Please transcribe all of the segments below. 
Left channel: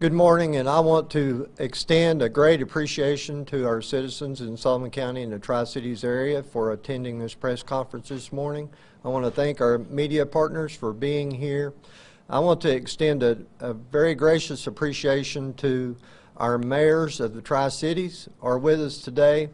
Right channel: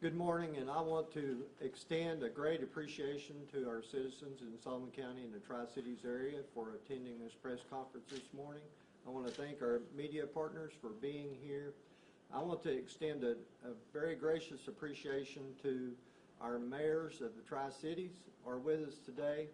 Good morning, and I want to extend a great appreciation to our citizens in Sullivan County and the Tri-Cities area for attending this press conference this morning. I want to thank our media partners for being here. I want to extend a very gracious appreciation to our mayors of the Tri-Cities who are with us today,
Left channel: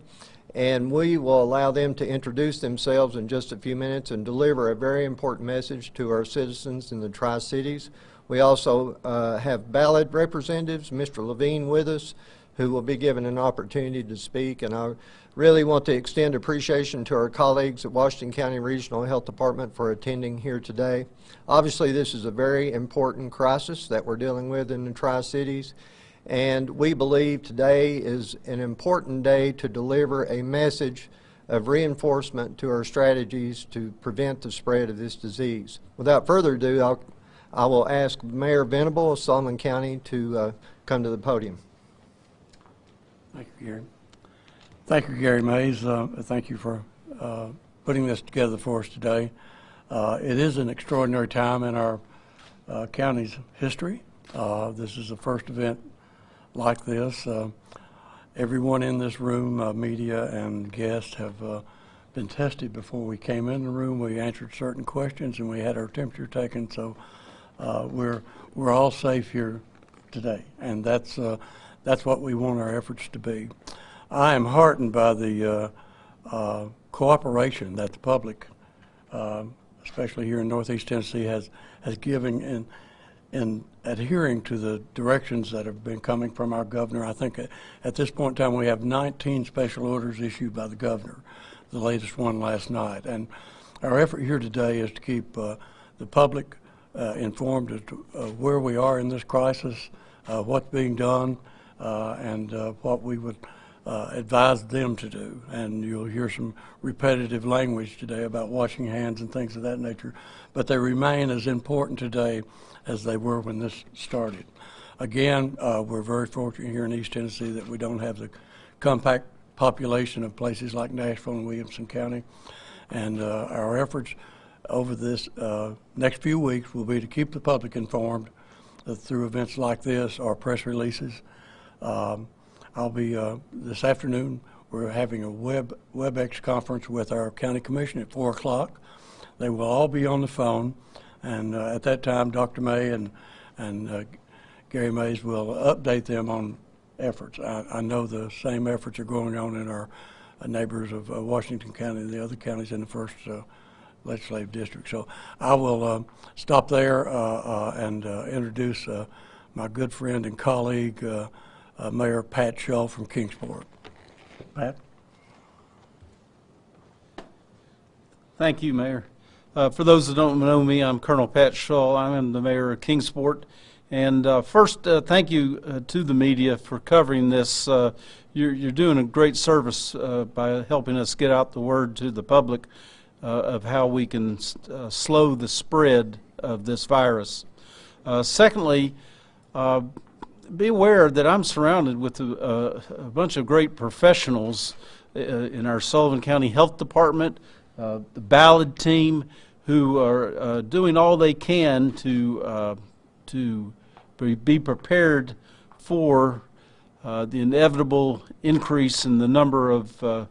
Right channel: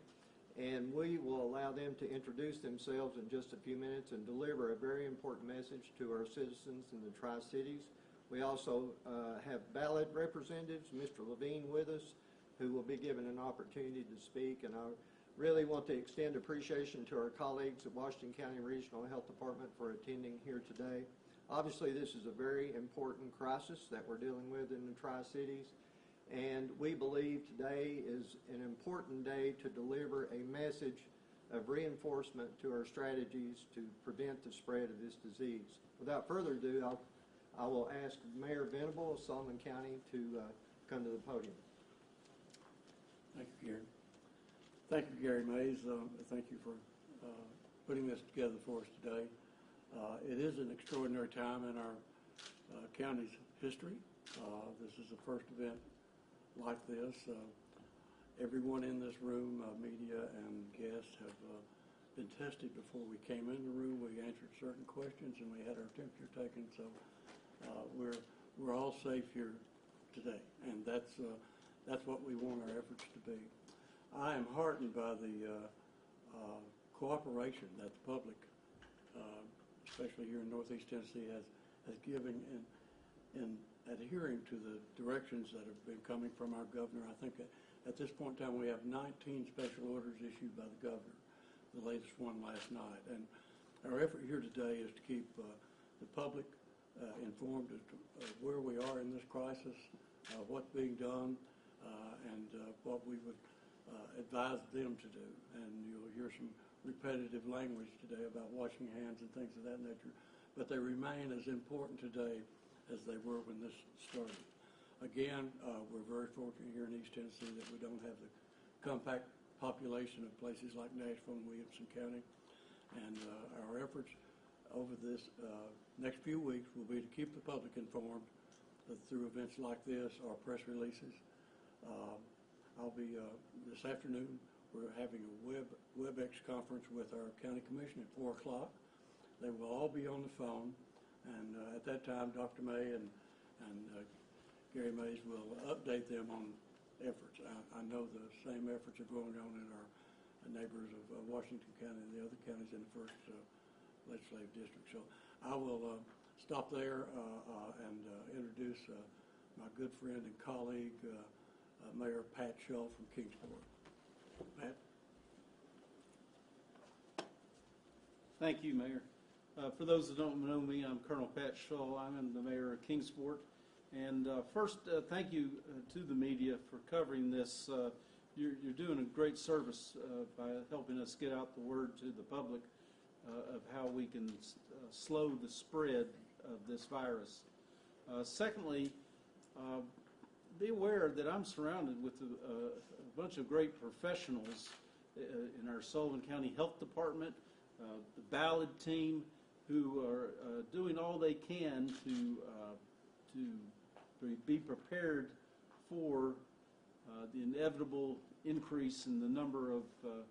and we will allow them to introduce themselves in just a few minutes and deliver a very important message to our citizens in the Tri-Cities. We also have ballot representatives, Mr. Levine, with us, who will be given an opportunity to speak. And I really want to extend appreciation to our colleagues at Washington County Regional Health Department for attending here today. Obviously, this is a very important crisis that we're dealing with in the Tri-Cities, and we believe today is an important day to deliver a message of reinforcement to our strategies to prevent the spread of this disease. Without further ado, I will ask Mayor Venable of Sullivan County to come to the podium. Thank you, Gary. Thank you, Gary Mays. Thank you for putting this together for us today. It is an extraordinary time in our county's history. This is the first event like this. Everyone in this room, media and guests, have been tested before we came in the room. We answered certain questions and we had our temperature taken, so we're all safe here today, and that's what we want our efforts to be. I am heartened by the cooperation that the public, especially here in Northeast Tennessee, has given in adhering to the directions that have been coming from our governor. I think at this point in time we have 19 special orders issued by the governor, the latest one last night, and our effort here today is to keep the public informed as to where we are in this crisis, what's being done, and what we would advise them to do. And you'll hear some repetitive language today about washing hands and things of that nature, but they remain as important today as they were when this started. Again, we're very fortunate here in East Tennessee that we don't have the compact population of places like Nashville and Williamson County, and our efforts over this next few weeks will be to keep the public informed through events like this or press releases. I'll be, this afternoon, we're having a WebEx conference with our county commission at 4 o'clock. They will all be on the phone, and at that time, Dr. May and Gary Mays will update them on efforts. I know the same efforts are going on in our neighbors of Washington County and the other counties in the first legislative district. So I will stop there and introduce my good friend and colleague, Mayor Pat Shull from Kingsport. Pat? Thank you, Mayor. For those that don't know me, I'm Colonel Pat Shull. I'm the mayor of Kingsport. And first, thank you to the media for covering this. You're doing a great service by helping us get out the word to the public of how we can slow the spread of this virus. Secondly, be aware that I'm surrounded with a bunch of great professionals in our Sullivan County Health Department, the ballot team, who are doing all they can to be prepared for the inevitable increase in the number of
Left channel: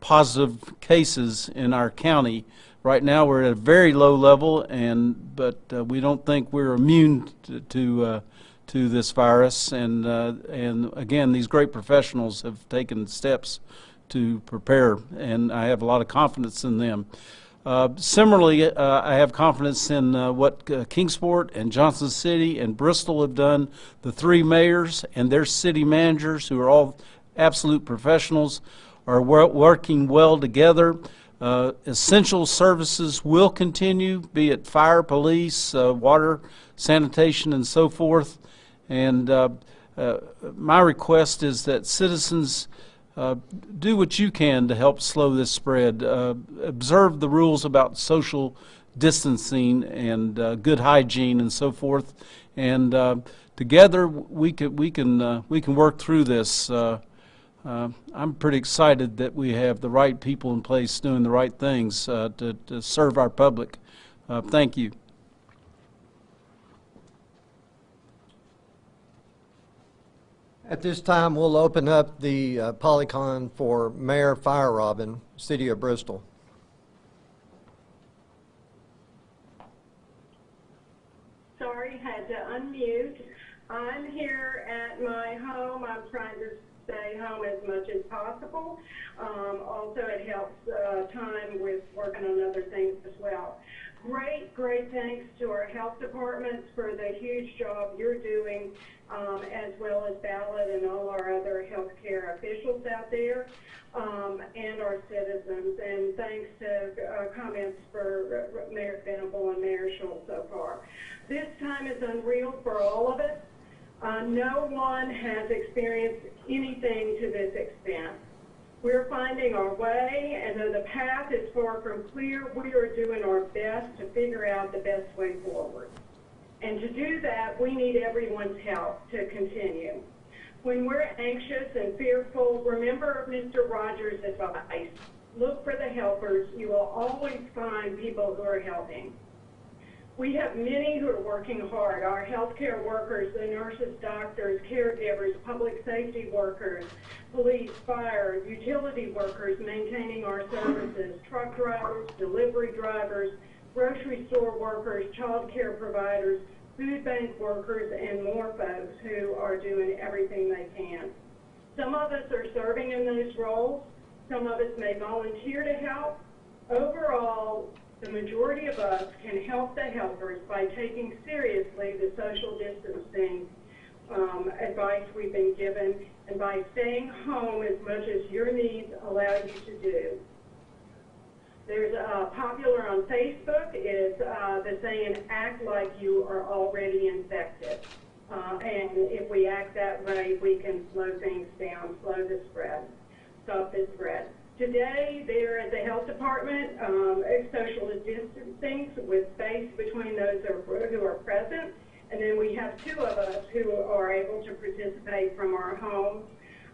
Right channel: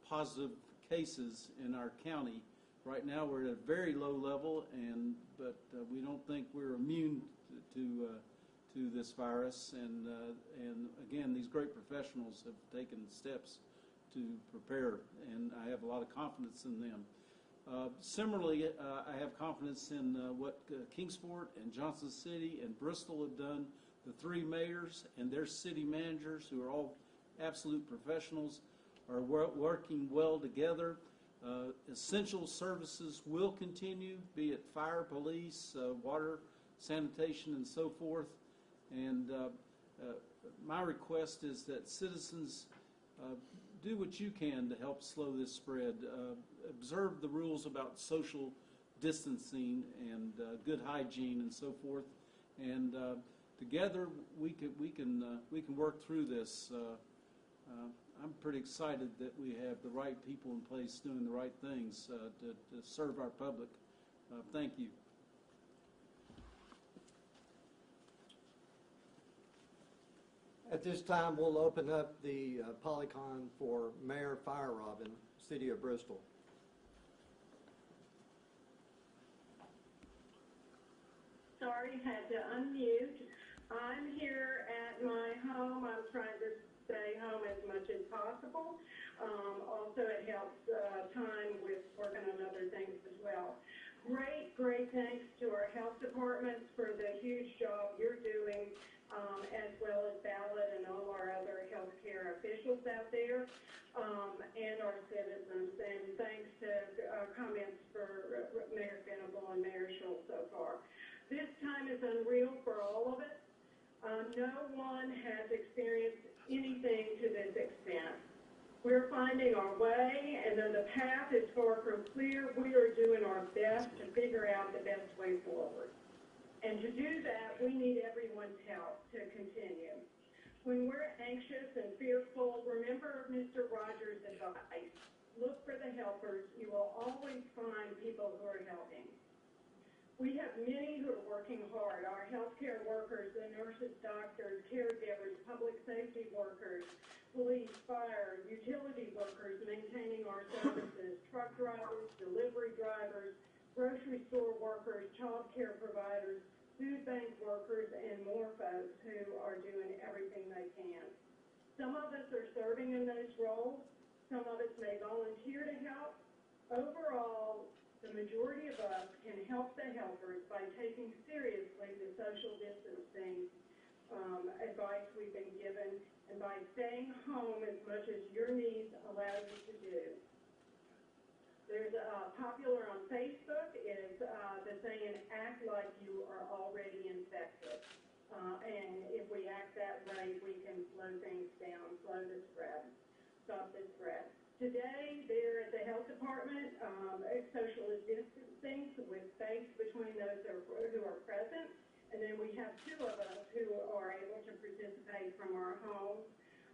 positive cases in our county. Right now we're at a very low level, but we don't think we're immune to this virus, and again, these great professionals have taken steps to prepare, and I have a lot of confidence in them. Similarly, I have confidence in what Kingsport and Johnson City and Bristol have done. The 3 mayors and their city managers, who are all absolute professionals, are working well together. Essential services will continue, be it fire, police, water, sanitation, and so forth. And my request is that citizens do what you can to help slow this spread. Observe the rules about social distancing and good hygiene and so forth. And together we can work through this. I'm pretty excited that we have the right people in place doing the right things to serve our public. Thank you. At this time, we'll open up the Polycon for Mayor Fire Robin, City of Bristol. Sorry, had to unmute. I'm here at my home. I'm trying to stay home as much as possible. Also, it helps time with working on other things as well. Great thanks to our health departments for the huge job you're doing, as well as Ballot and all our other healthcare officials out there, and our citizens. And thanks to comments for Mayor Venable and Mayor Schultz so far. This time is unreal for all of us. No one has experienced anything to this extent. We're finding our way, and though the path is far from clear, we are doing our best to figure out the best way forward. And to do that, we need everyone's help to continue. When we're anxious and fearful, remember Mr. Rogers' advice. Look for the helpers. You will always find people who are helping. We have many who are working hard. Our healthcare workers, the nurses, doctors, caregivers, public safety workers, police, fire, utility workers maintaining our services, truck drivers, delivery drivers, grocery store workers, child care providers, food bank workers, and more folks who are doing everything they can. Some of us are serving in those roles. Some of us may volunteer to help. Overall, the majority of us can help the helpers by taking seriously the social distancing advice we've been given, and by staying home as much as your needs allow you to do. There's popular on Facebook is the saying, act like you are already infected. And if we act that way, we can slow things down, slow the spread, stop the spread. Today, there at the health department, social distancing with space between those who are present. And then we have two of us who are able to participate from our homes.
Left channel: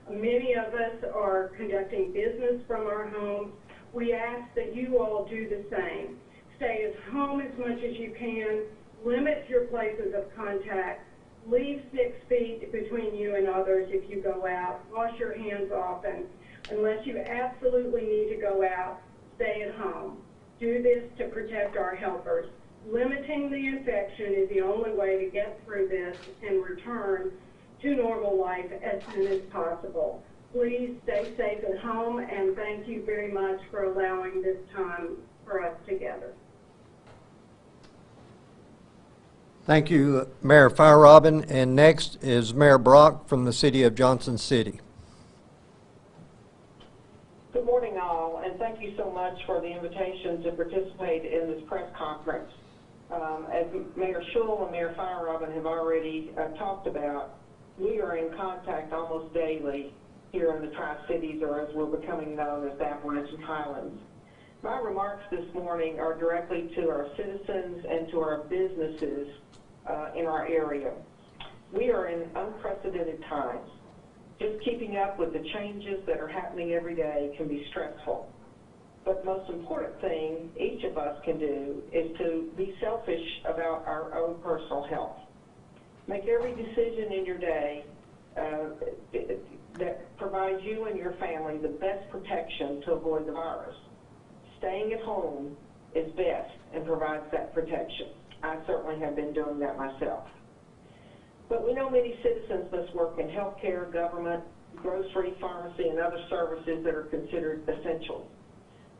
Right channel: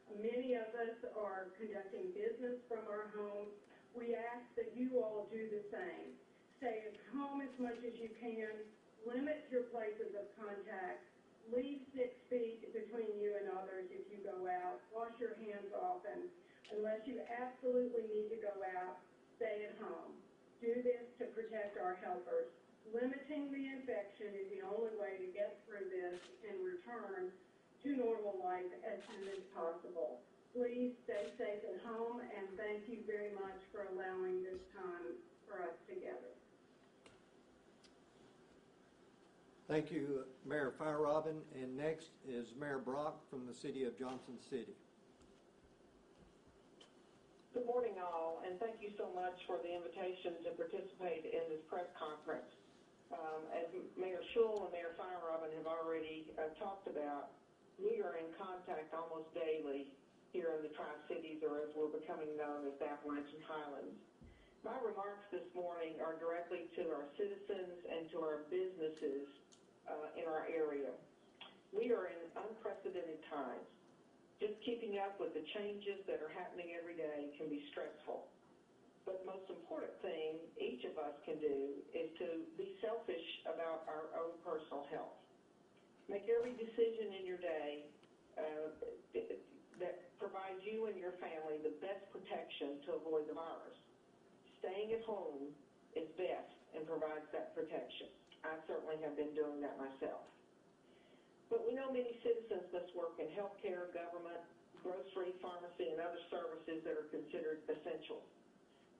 Many of us are conducting business from our homes. We ask that you all do the same. Stay at home as much as you can. Limit your places of contact. Leave 6 feet between you and others if you go out. Wash your hands often. Unless you absolutely need to go out, stay at home. Do this to protect our helpers. Limiting the infection is the only way to get through this and return to normal life as soon as possible. Please stay safe at home, and thank you very much for allowing this time for us together. Thank you, Mayor Fire Robin. And next is Mayor Brock from the City of Johnson City. Good morning, all, and thank you so much for the invitation to participate in this press conference. As Mayor Schultz and Mayor Fire Robin have already talked about, we are in contact almost daily here in the Tri-Cities, or as we're becoming known as the Appalachian Highlands. My remarks this morning are directly to our citizens and to our businesses in our area. We are in unprecedented times. Just keeping up with the changes that are happening every day can be stressful. But the most important thing each of us can do is to be selfish about our own personal health. Make every decision in your day that provides you and your family the best protection to avoid the virus. Staying at home is best and provides that protection. I certainly have been doing that myself. But we know many citizens must work in healthcare, government, grocery, pharmacy, and other services that are considered essential.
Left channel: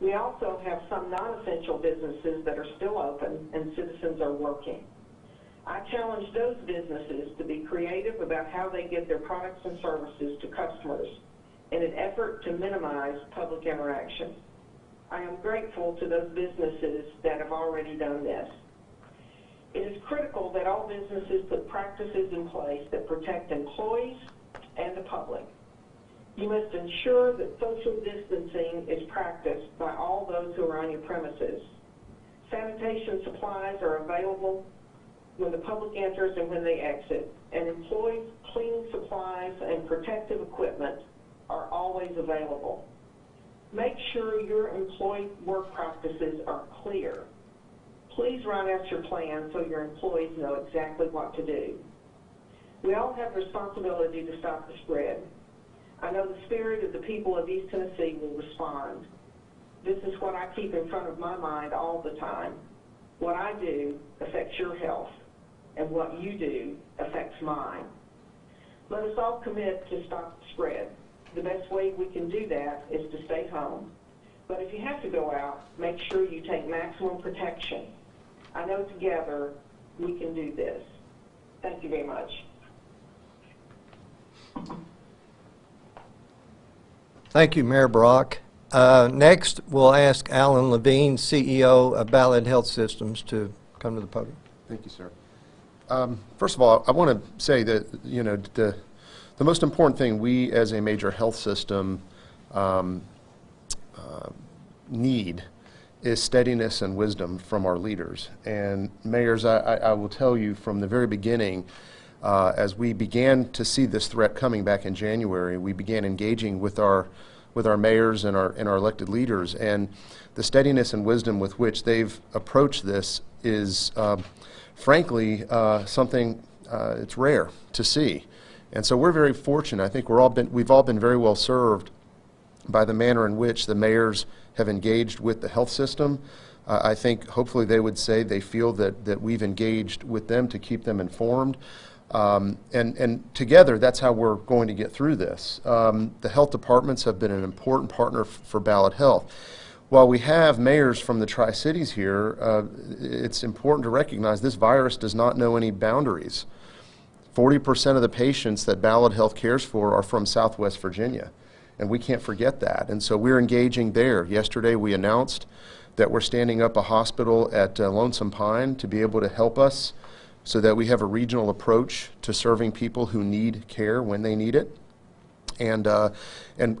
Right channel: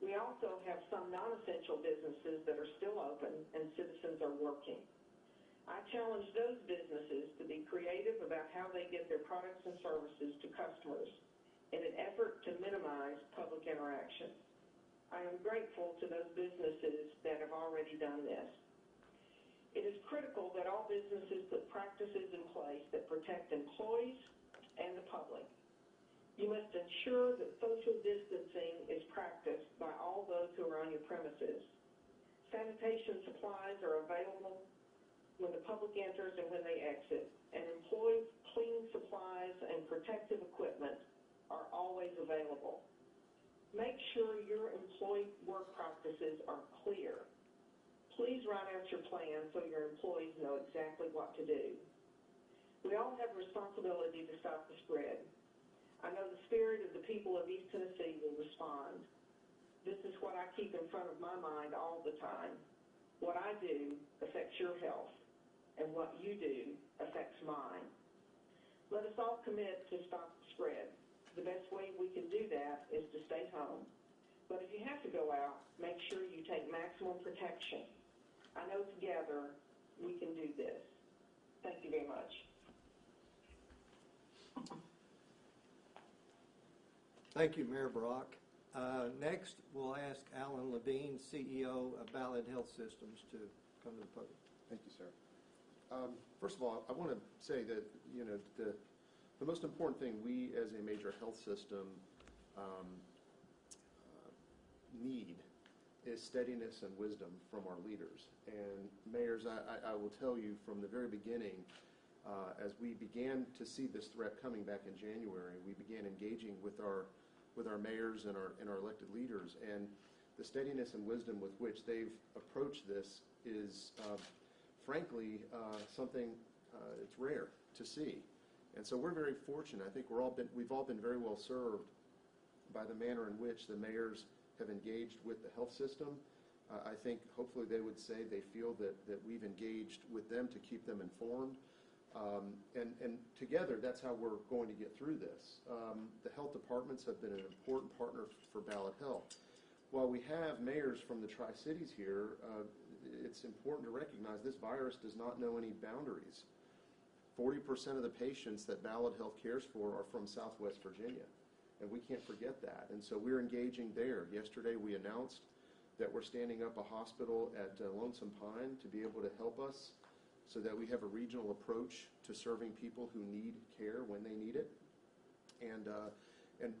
We also have some non-essential businesses that are still open and citizens are working. I challenge those businesses to be creative about how they get their products and services to customers in an effort to minimize public interaction. I am grateful to those businesses that have already done this. It is critical that all businesses put practices in place that protect employees and the public. You must ensure that social distancing is practiced by all those who are on your premises. Sanitation supplies are available when the public enters and when they exit, and employees' cleaning supplies and protective equipment are always available. Make sure your employee work practices are clear. Please write out your plan so your employees know exactly what to do. We all have a responsibility to stop the spread. I know the spirit of the people of East Tennessee will respond. This is what I keep in front of my mind all the time. What I do affects your health, and what you do affects mine. Let us all commit to stop the spread. The best way we can do that is to stay home. But if you have to go out, make sure you take maximum protection. I know together we can do this. Thank you very much. Thank you, Mayor Brock. Next, we'll ask Alan Levine, CEO of Ballad Health Systems, to come to the podium. Thank you, sir. First of all, I want to say that, you know, the most important thing we as a major health system need is steadiness and wisdom from our leaders. And mayors, I will tell you from the very beginning, as we began to see this threat coming back in January, we began engaging with our mayors and our elected leaders, and the steadiness and wisdom with which they've approached this is frankly something it's rare to see. And so we're very fortunate. I think we've all been very well served by the manner in which the mayors have engaged with the health system. I think hopefully they would say they feel that we've engaged with them to keep them informed. And together, that's how we're going to get through this. The health departments have been an important partner for Ballad Health. While we have mayors from the Tri-Cities here, it's important to recognize this virus does not know any boundaries. 40% of the patients that Ballad Health cares for are from Southwest Virginia, and we can't forget that. And so we're engaging there. Yesterday, we announced that we're standing up a hospital at Lonesome Pine to be able to help us so that we have a regional approach to serving people who need care when they need it. And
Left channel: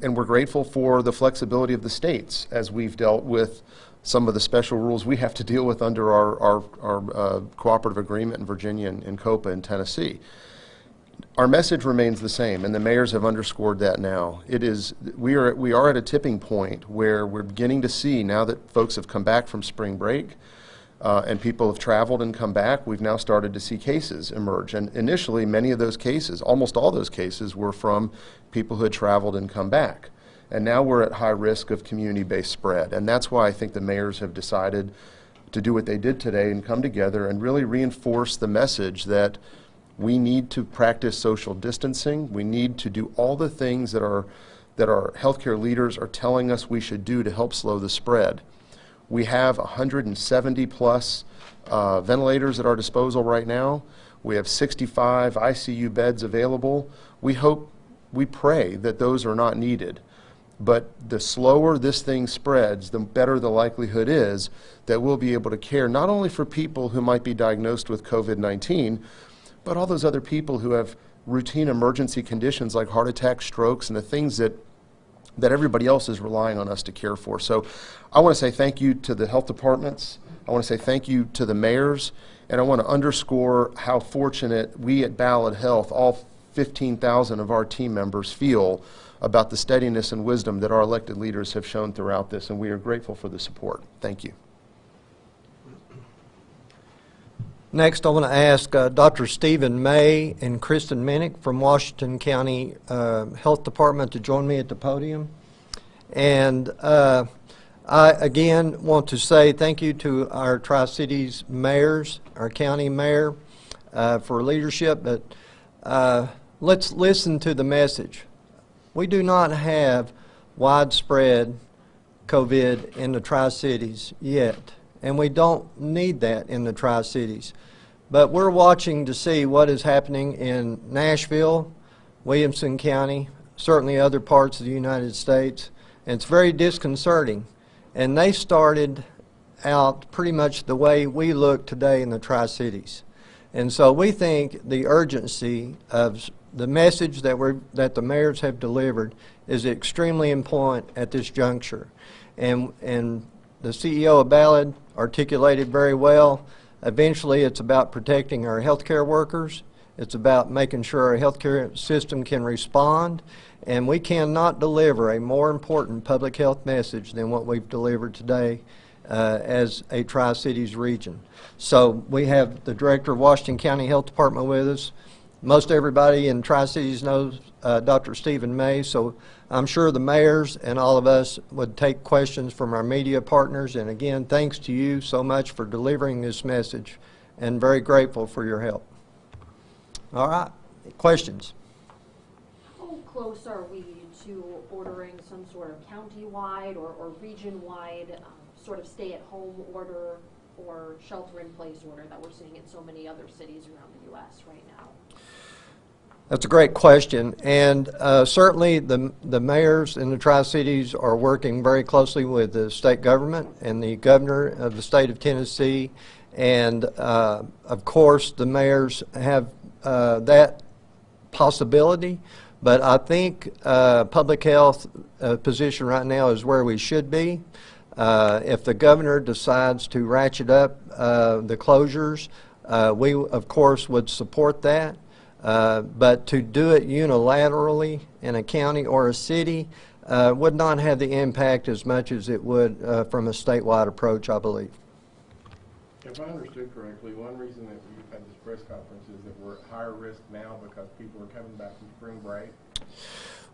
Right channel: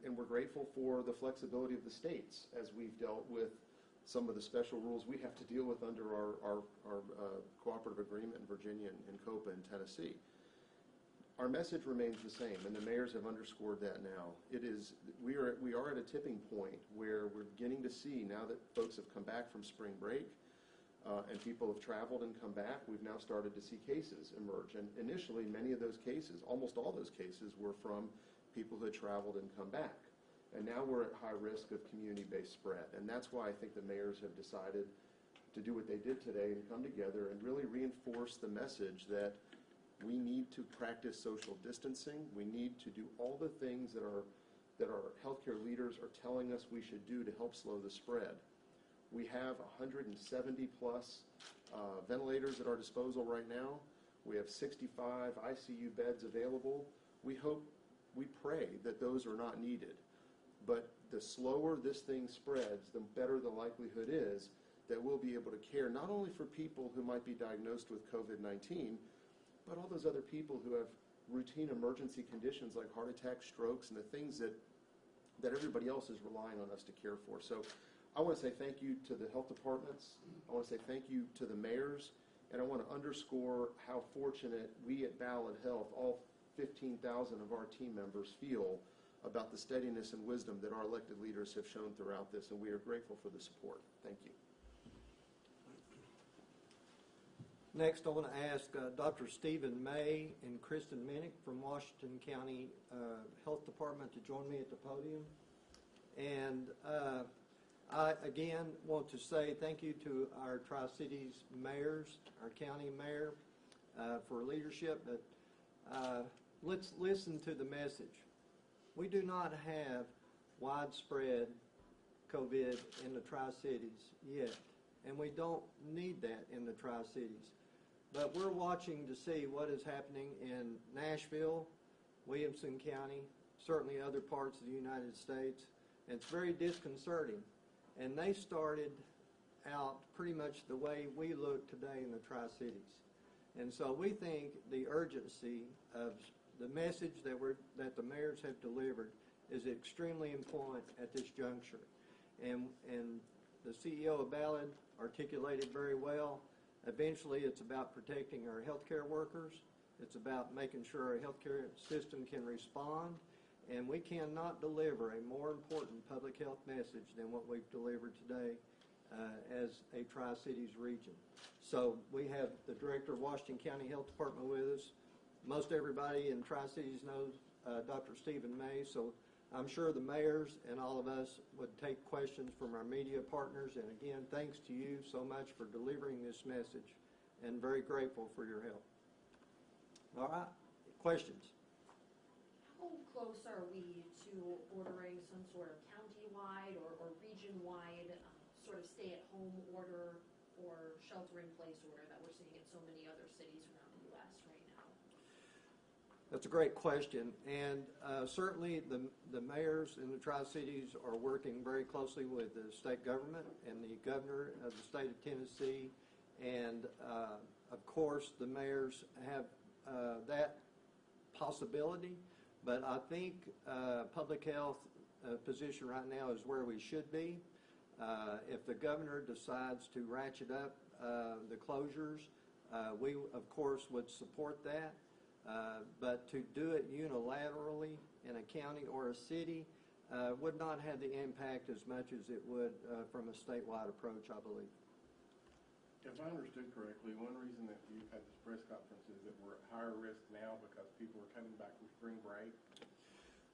we're grateful for the flexibility of the states as we've dealt with some of the special rules we have to deal with under our cooperative agreement in Virginia and COPA in Tennessee. Our message remains the same, and the mayors have underscored that now. We are at a tipping point where we're beginning to see, now that folks have come back from spring break, and people have traveled and come back, we've now started to see cases emerge. And initially, many of those cases, almost all those cases, were from people who had traveled and come back. And now we're at high risk of community-based spread. And that's why I think the mayors have decided to do what they did today and come together and really reinforce the message that we need to practice social distancing. We need to do all the things that our healthcare leaders are telling us we should do to help slow the spread. We have 170 plus ventilators at our disposal right now. We have 65 ICU beds available. We pray that those are not needed. But the slower this thing spreads, the better the likelihood is that we'll be able to care not only for people who might be diagnosed with COVID-19, but all those other people who have routine emergency conditions like heart attacks, strokes, and the things that everybody else is relying on us to care for. So I want to say thank you to the health departments. I want to say thank you to the mayors. And I want to underscore how fortunate we at Ballad Health, all 15,000 of our team members, feel about the steadiness and wisdom that our elected leaders have shown throughout this. And we are grateful for the support. Thank you. Next, I want to ask Dr. Stephen May and Kristen Minnick from Washington County Health Department to join me at the podium. And I, again, want to say thank you to our Tri-Cities mayors, our county mayor, for leadership. But let's listen to the message. We do not have widespread COVID in the Tri-Cities yet, and we don't need that in the Tri-Cities. But we're watching to see what is happening in Nashville, Williamson County, certainly other parts of the United States, and it's very disconcerting. And they started out pretty much the way we look today in the Tri-Cities. And so we think the urgency of the message that the mayors have delivered is extremely important at this juncture. And the CEO of Ballad articulated very well. Eventually, it's about protecting our healthcare workers. It's about making sure our healthcare system can respond. And we cannot deliver a more important public health message than what we've delivered today as a Tri-Cities region. So we have the Director of Washington County Health Department with us, Most everybody in Tri-Cities knows Dr. Stephen May, so I'm sure the mayors and all of us would take questions from our media partners. And again, thanks to you so much for delivering this message, and very grateful for your help. All right, questions? How close are we to ordering some sort of county-wide or region-wide sort of stay-at-home order or shelter-in-place order that we're seeing in so many other cities around the U.S. right now? That's a great question, and certainly the mayors in the Tri-Cities are working very closely with the state government and the governor of the state of Tennessee, and of course the mayors have that possibility, but I think public health position right now is where we should be. If the governor decides to ratchet up the closures, we of course would support that. But to do it unilaterally in a county or a city would not have the impact as much as it would from a statewide approach, I believe. If I understood correctly, one reason that we've had this press conference is that we're at higher risk now because people are coming back from spring break.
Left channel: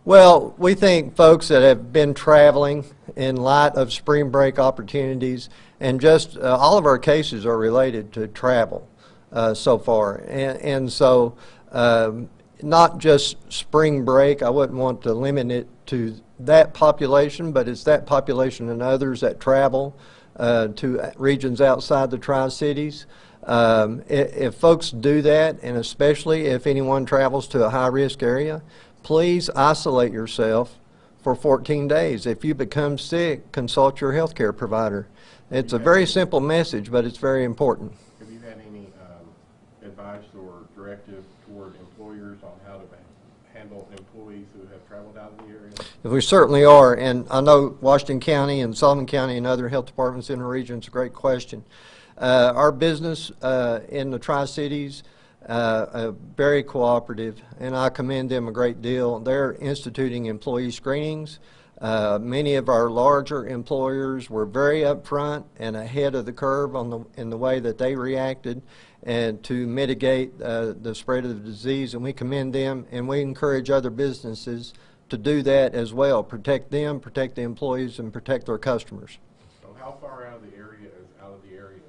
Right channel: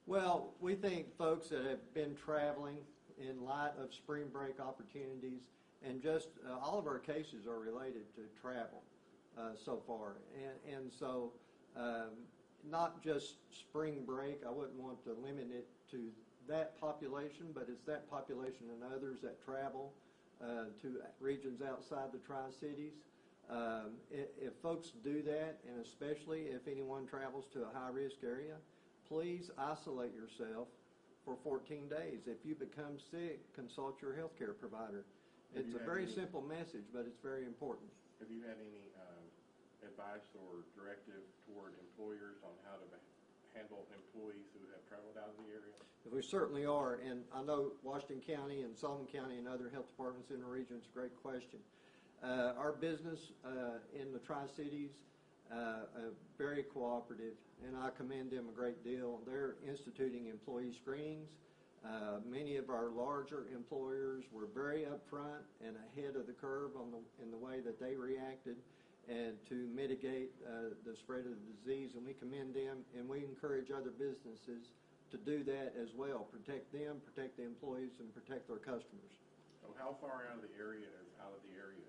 Well, we think folks that have been traveling in light of spring break opportunities, and just all of our cases are related to travel so far, and so not just spring break. I wouldn't want to limit it to that population, but it's that population and others that travel to regions outside the Tri-Cities. If folks do that, and especially if anyone travels to a high-risk area, please isolate yourself for 14 days. If you become sick, consult your health care provider. It's a very simple message, but it's very important. Have you had any advice or directive toward employers on how to handle employees who have traveled out of the area? We certainly are, and I know Washington County and Sullivan County and other health departments in the region, it's a great question. Our business in the Tri-Cities very cooperative, and I commend them a great deal. They're instituting employee screenings. Many of our larger employers were very upfront and ahead of the curve in the way that they reacted and to mitigate the spread of the disease, and we commend them, and we encourage other businesses to do that as well. Protect them, protect the employees, and protect their customers. So how far out of the area is out of the area?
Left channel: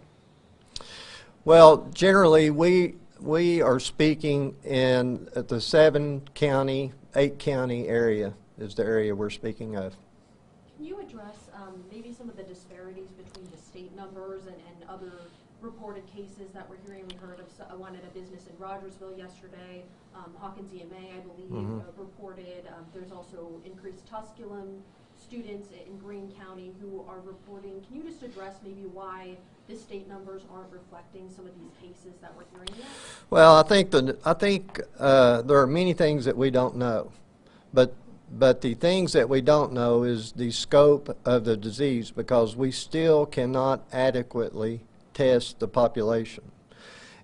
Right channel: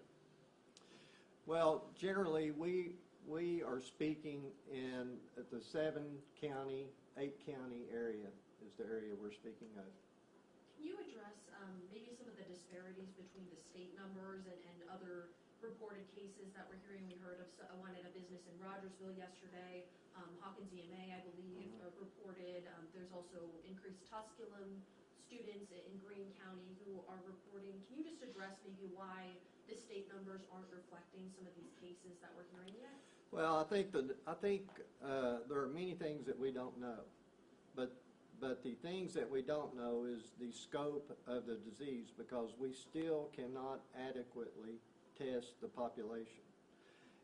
Well, generally we are speaking in the 7-county, 8-county area is the area we're speaking of. Can you address maybe some of the disparities between the state numbers and other reported cases that we're hearing? We heard of one at a business in Rogersville yesterday. Hawkins EMA, I believe, reported. There's also increased Tusculum students in Greene County who are reporting. Can you just address maybe why the state numbers aren't reflecting some of these cases that we're hearing yet? Well, I think there are many things that we don't know, but the things that we don't know is the scope of the disease, because we still cannot adequately test the population.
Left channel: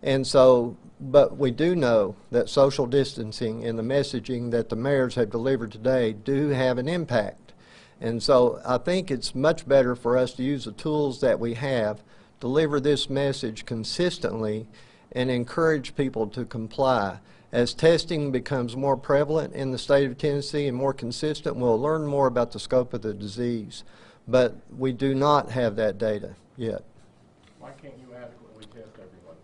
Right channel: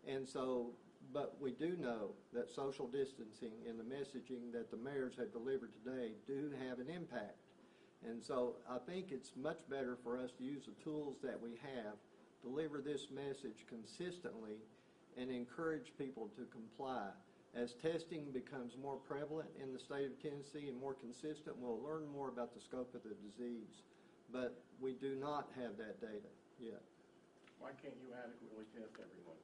And so, but we do know that social distancing and the messaging that the mayors have delivered today do have an impact. And so I think it's much better for us to use the tools that we have, deliver this message consistently, and encourage people to comply. As testing becomes more prevalent in the state of Tennessee and more consistent, we'll learn more about the scope of the disease. But we do not have that data yet. Why can't you adequately test everyone?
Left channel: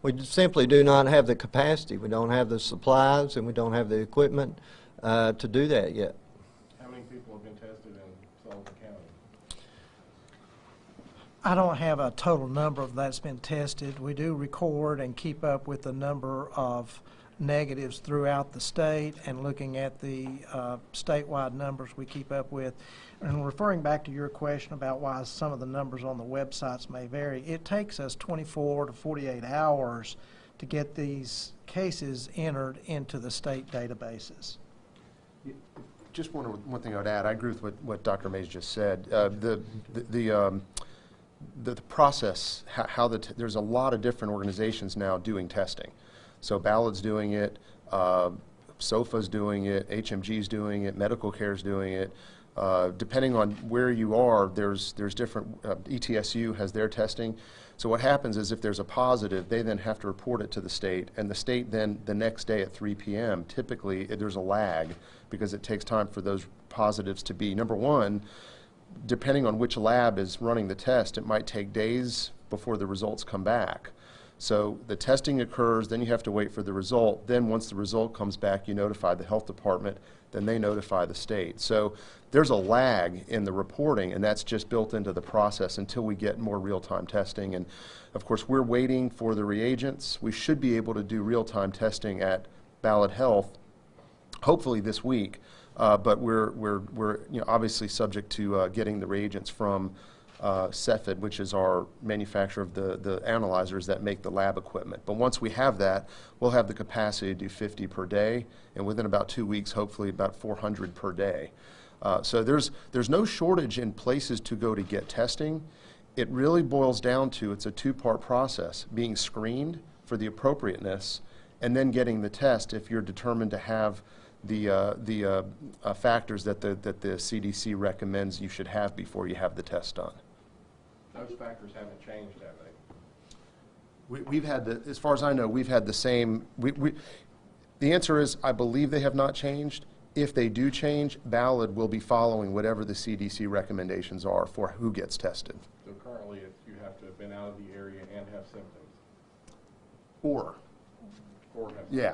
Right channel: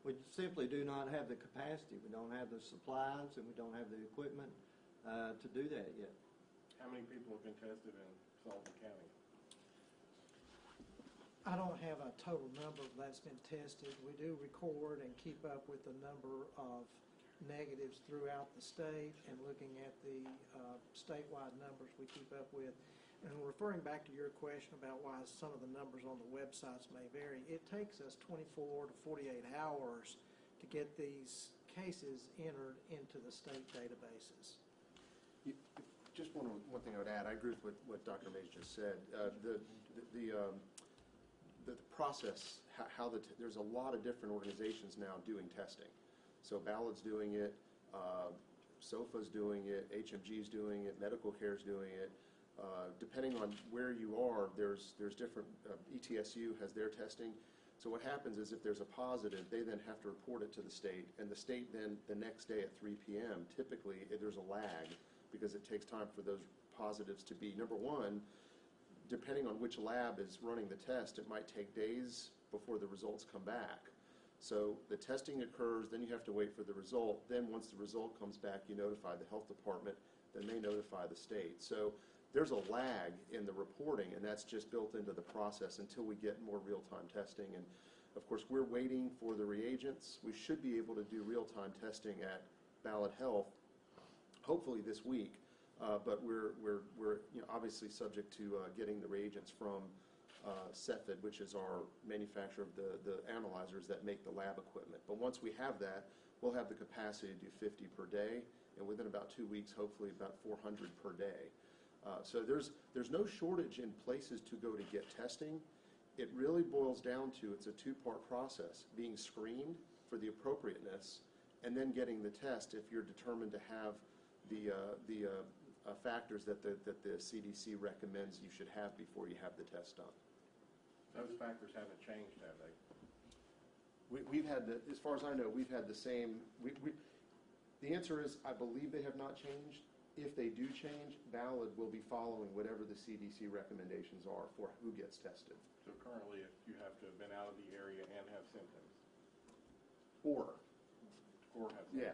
We simply do not have the capacity. We don't have the supplies, and we don't have the equipment to do that yet. How many people have been tested in Sullivan County? I don't have a total number of that's been tested. We do record and keep up with the number of negatives throughout the state, and looking at the statewide numbers we keep up with. And referring back to your question about why some of the numbers on the websites may vary, it takes us 24 to 48 hours to get these cases entered into the state databases. Just one thing I would add. I agree with what Dr. Mays just said. The process, there's a lot of different organizations now doing testing. So Ballard's doing it, SOFA's doing it, HMG's doing it, Medical Care's doing it. Depending on where you are, there's different, ETSU has their testing. So what happens is if there's a positive, they then have to report it to the state, and the state then the next day at 3 p.m., typically there's a lag because it takes time for those positives to be, number one, depending on which lab is running the test, it might take days before the results come back. So the testing occurs, then you have to wait for the result. Then once the result comes back, you notify the health department, then they notify the state. So there's a lag in the reporting, and that's just built into the process until we get more real-time testing. And of course, we're waiting for the reagents. We should be able to do real-time testing at Ballad Health, hopefully this week. But we're obviously subject to getting the reagents from Cepheid, which is our manufacturer of the analyzers that make the lab equipment. But once we have that, we'll have the capacity to do 50 per day, and within about 2 weeks, hopefully about 400 per day. So there's no shortage in places to go to get testing. It really boils down to, it's a two-part process: being screened for the appropriateness, and then getting the test if you're determined to have the factors that the CDC recommends you should have before you have the test done. Those factors haven't changed, have they? We've had as far as I know, we've had the same. The answer is, I believe they have not changed. If they do change, Ballad will be following whatever the CDC recommendations are for who gets tested. So currently, you have to have been out of the area and have symptoms. Or Or have yeah,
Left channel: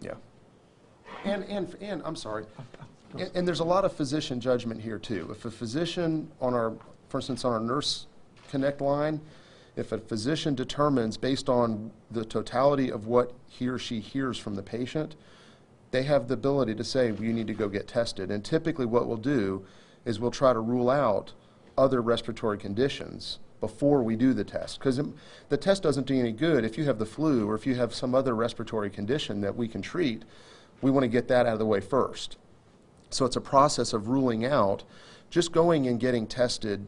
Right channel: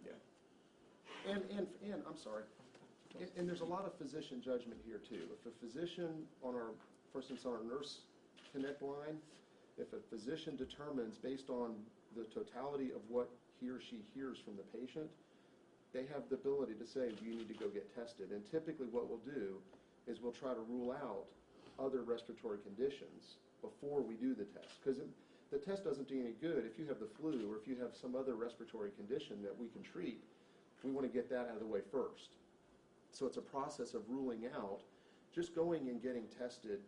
yeah. And I'm sorry. And there's a lot of physician judgment here too. If a physician for instance, on our Nurse Connect line, if a physician determines based on the totality of what he or she hears from the patient, they have the ability to say, well, you need to go get tested. And typically what we'll do is we'll try to rule out other respiratory conditions before we do the test. Because the test doesn't do any good if you have the flu or if you have some other respiratory condition that we can treat. We want to get that out of the way first. So it's a process of ruling out. Just going and getting tested,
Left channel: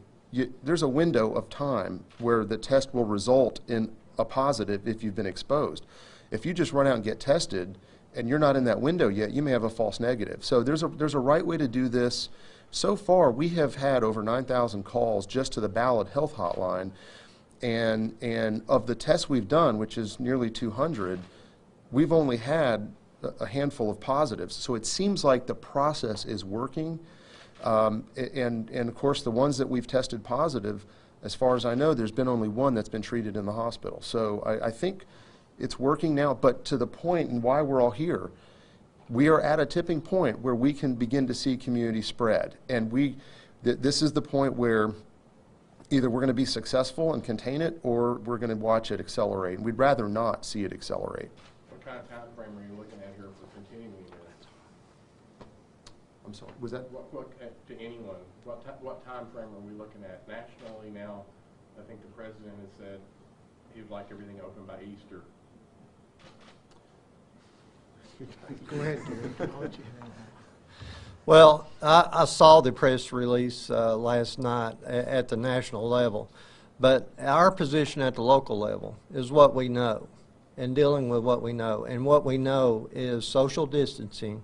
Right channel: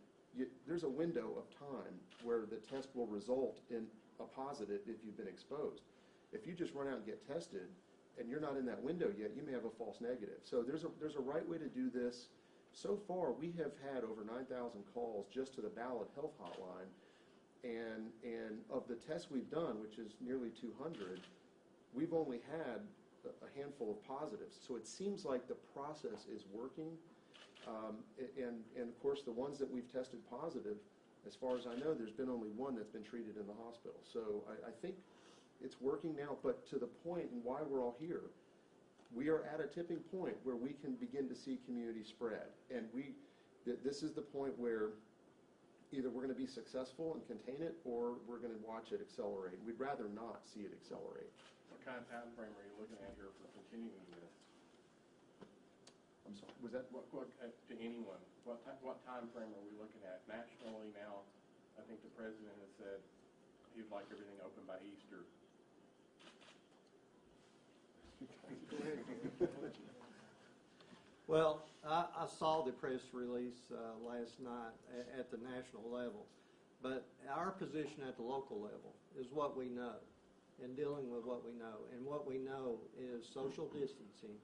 there's a window of time where the test will result in a positive if you've been exposed. If you just run out and get tested and you're not in that window yet, you may have a false negative. So there's a right way to do this. So far, we have had over 9,000 calls just to the Ballad Health Hotline, and of the tests we've done, which is nearly 200, we've only had a handful of positives. So it seems like the process is working. And of course, the ones that we've tested positive, as far as I know, there's been only one that's been treated in the hospital. So I think it's working now, but to the point and why we're all here, we are at a tipping point where we can begin to see community spread. And this is the point where either we're going to be successful and contain it, or we're going to watch it accelerate. And we'd rather not see it accelerate. What kind of time frame are you looking at here for continuing this? I'm sorry, was that? To anyone, what time frame are we looking at nationally now? I think the president has said he'd like everything open by Easter. Go ahead, Gary. Well, I saw the press release last night at the national level, but our position at the local level is what we know and dealing with what we know. And what we know is social distancing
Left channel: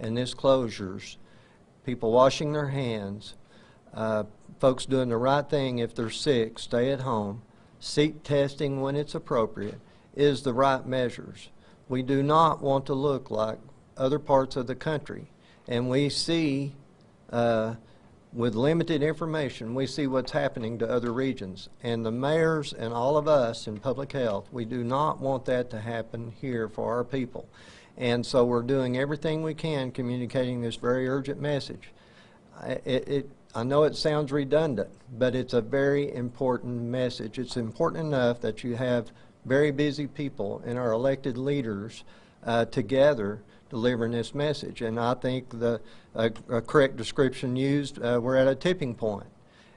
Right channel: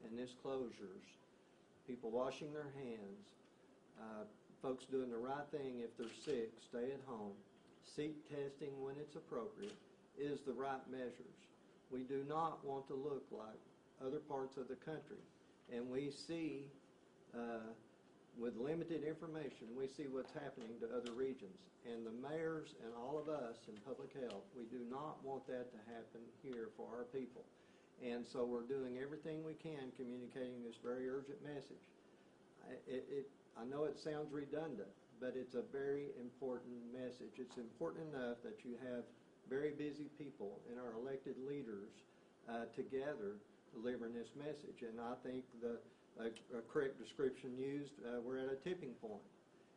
and this closures, people washing their hands, folks doing the right thing if they're sick, stay at home, seek testing when it's appropriate, is the right measures. We do not want to look like other parts of the country. And we see, with limited information, we see what's happening to other regions. And the mayors and all of us in public health, we do not want that to happen here for our people. And so we're doing everything we can communicating this very urgent message. I know it sounds redundant, but it's a very important message. It's important enough that you have very busy people and our elected leaders together delivering this message. And I think a correct description used, we're at a tipping point.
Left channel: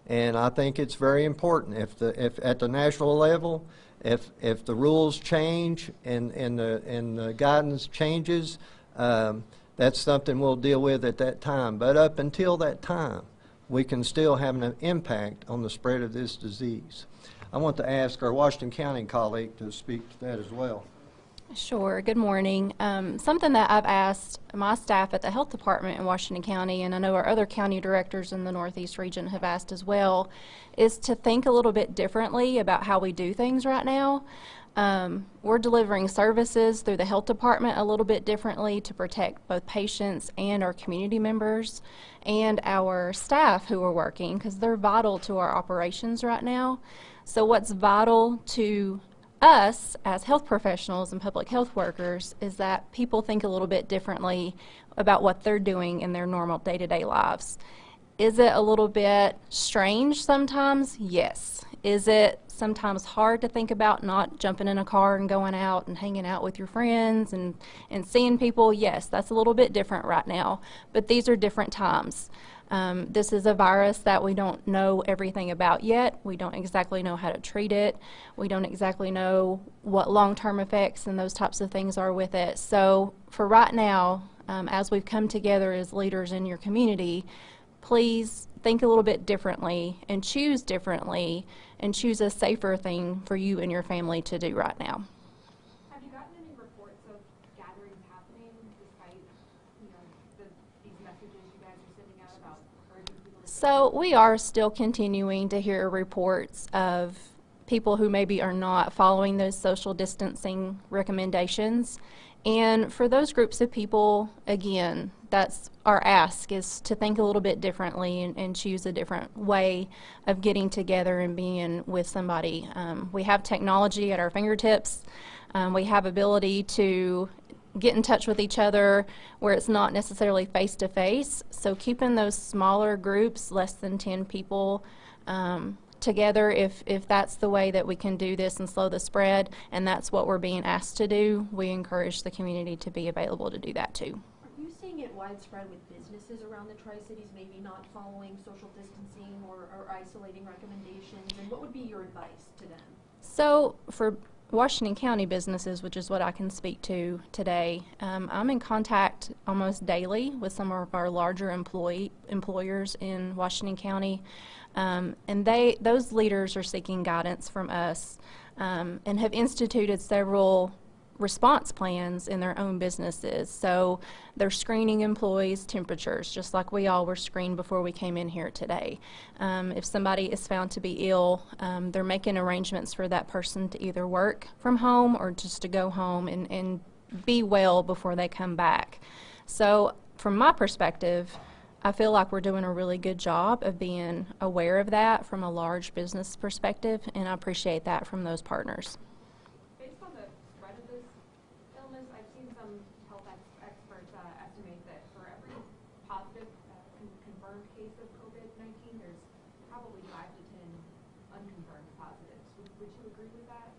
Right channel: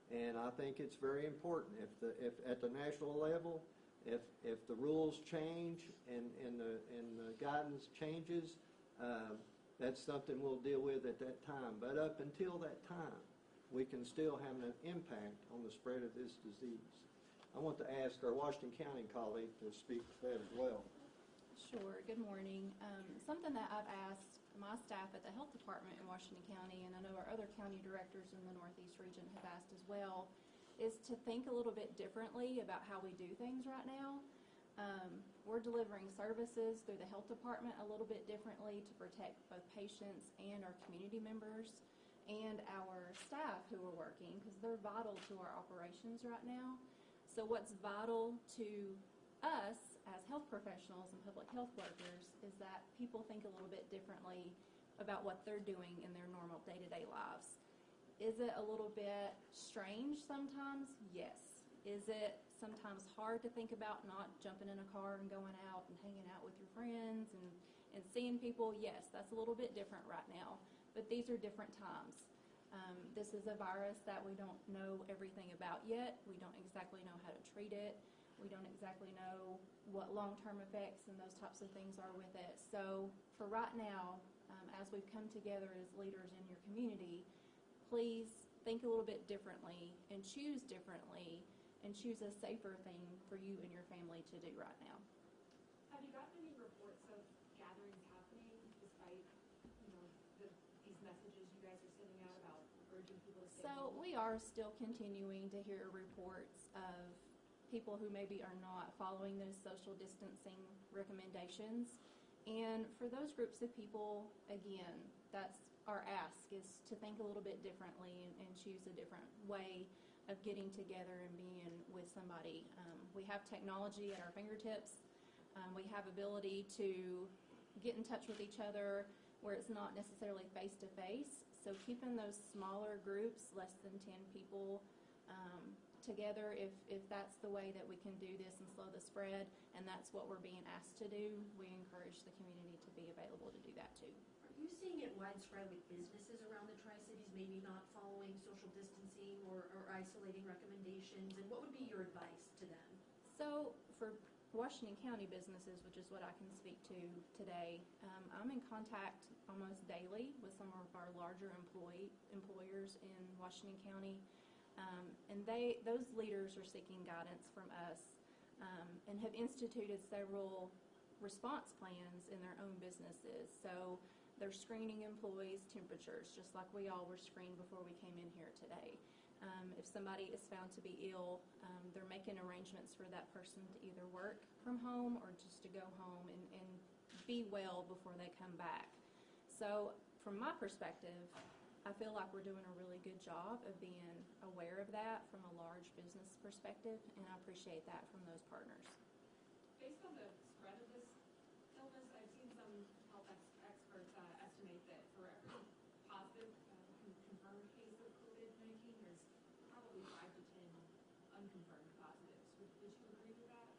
And I think it's very important. If at the national level, if the rules change and the guidance changes, that's something we'll deal with at that time. But up until that time, we can still have an impact on the spread of this disease. I want to ask our Washington County colleague to speak to that as well. Sure. Good morning. Something that I've asked my staff at the health department in Washington County, and I know our other county directors in the Northeast region have asked as well, is to think a little bit differently about how we do things right now. We're delivering services through the health department a little bit differently to protect both patients and our community members and our staff who are working, because they're vital to our operations right now. So what's vital to us as health professionals and public health workers is that people think a little bit differently about what they're doing in their normal day-to-day lives. Is it a little bit strange sometimes? Yes. Is it sometimes hard to think about not jumping in a car and going out and hanging out with your friends and seeing people? Yes, that's a little bit different right now, but these are different times. This is a virus that we don't know everything about yet. We don't exactly know how to treat it. We don't exactly know what long-term effects and those types of things are with it. So for right now, as we've come together as leaders in your community, please think a little bit differently and choose differently and choose a safer thing for you and your family to do right now. Have you gotten any reports of gatherings happening despite, these messages you guys are sending out about urging people to... So we are still continuing to hear reports of people who maybe are not following those social distancing recommendations. And for those groups of people, again, that's our ask, is to think a little bit differently and choose a different way of getting together and being with somebody. We have technology at our fingertips. We have ability to get in touch with each other where it's not necessarily face-to-face. So keeping those smaller groups, less than 10 people, together, if that's the way that we can do this and slow the spread, and that's what we're being asked to do, we encourage the community to be available to do that too. Are you seeing it widespread with businesses around the Tri-Cities maybe not following social distancing or isolating recommendations? And what would be your advice to them? So for Washington County businesses, which is what I can speak to today, I'm in contact almost daily with some of our larger employers in Washington County. And those leaders are seeking guidance from us and have instituted several response plans in their own businesses. So they're screening employees' temperatures, just like we all were screened before we came in here today. If somebody is found to be ill, they're making arrangements for that person to either work from home or just to go home and be well before they come back. So from my perspective, I feel like we're doing a really good job of being aware of that from a large business perspective, and I appreciate that from those partners. Based on the spread of this illness, I've seen some health experts estimate that for every positive confirmed case of COVID-19, there's probably 5 to 10 unconfirmed positives. Would you agree with that?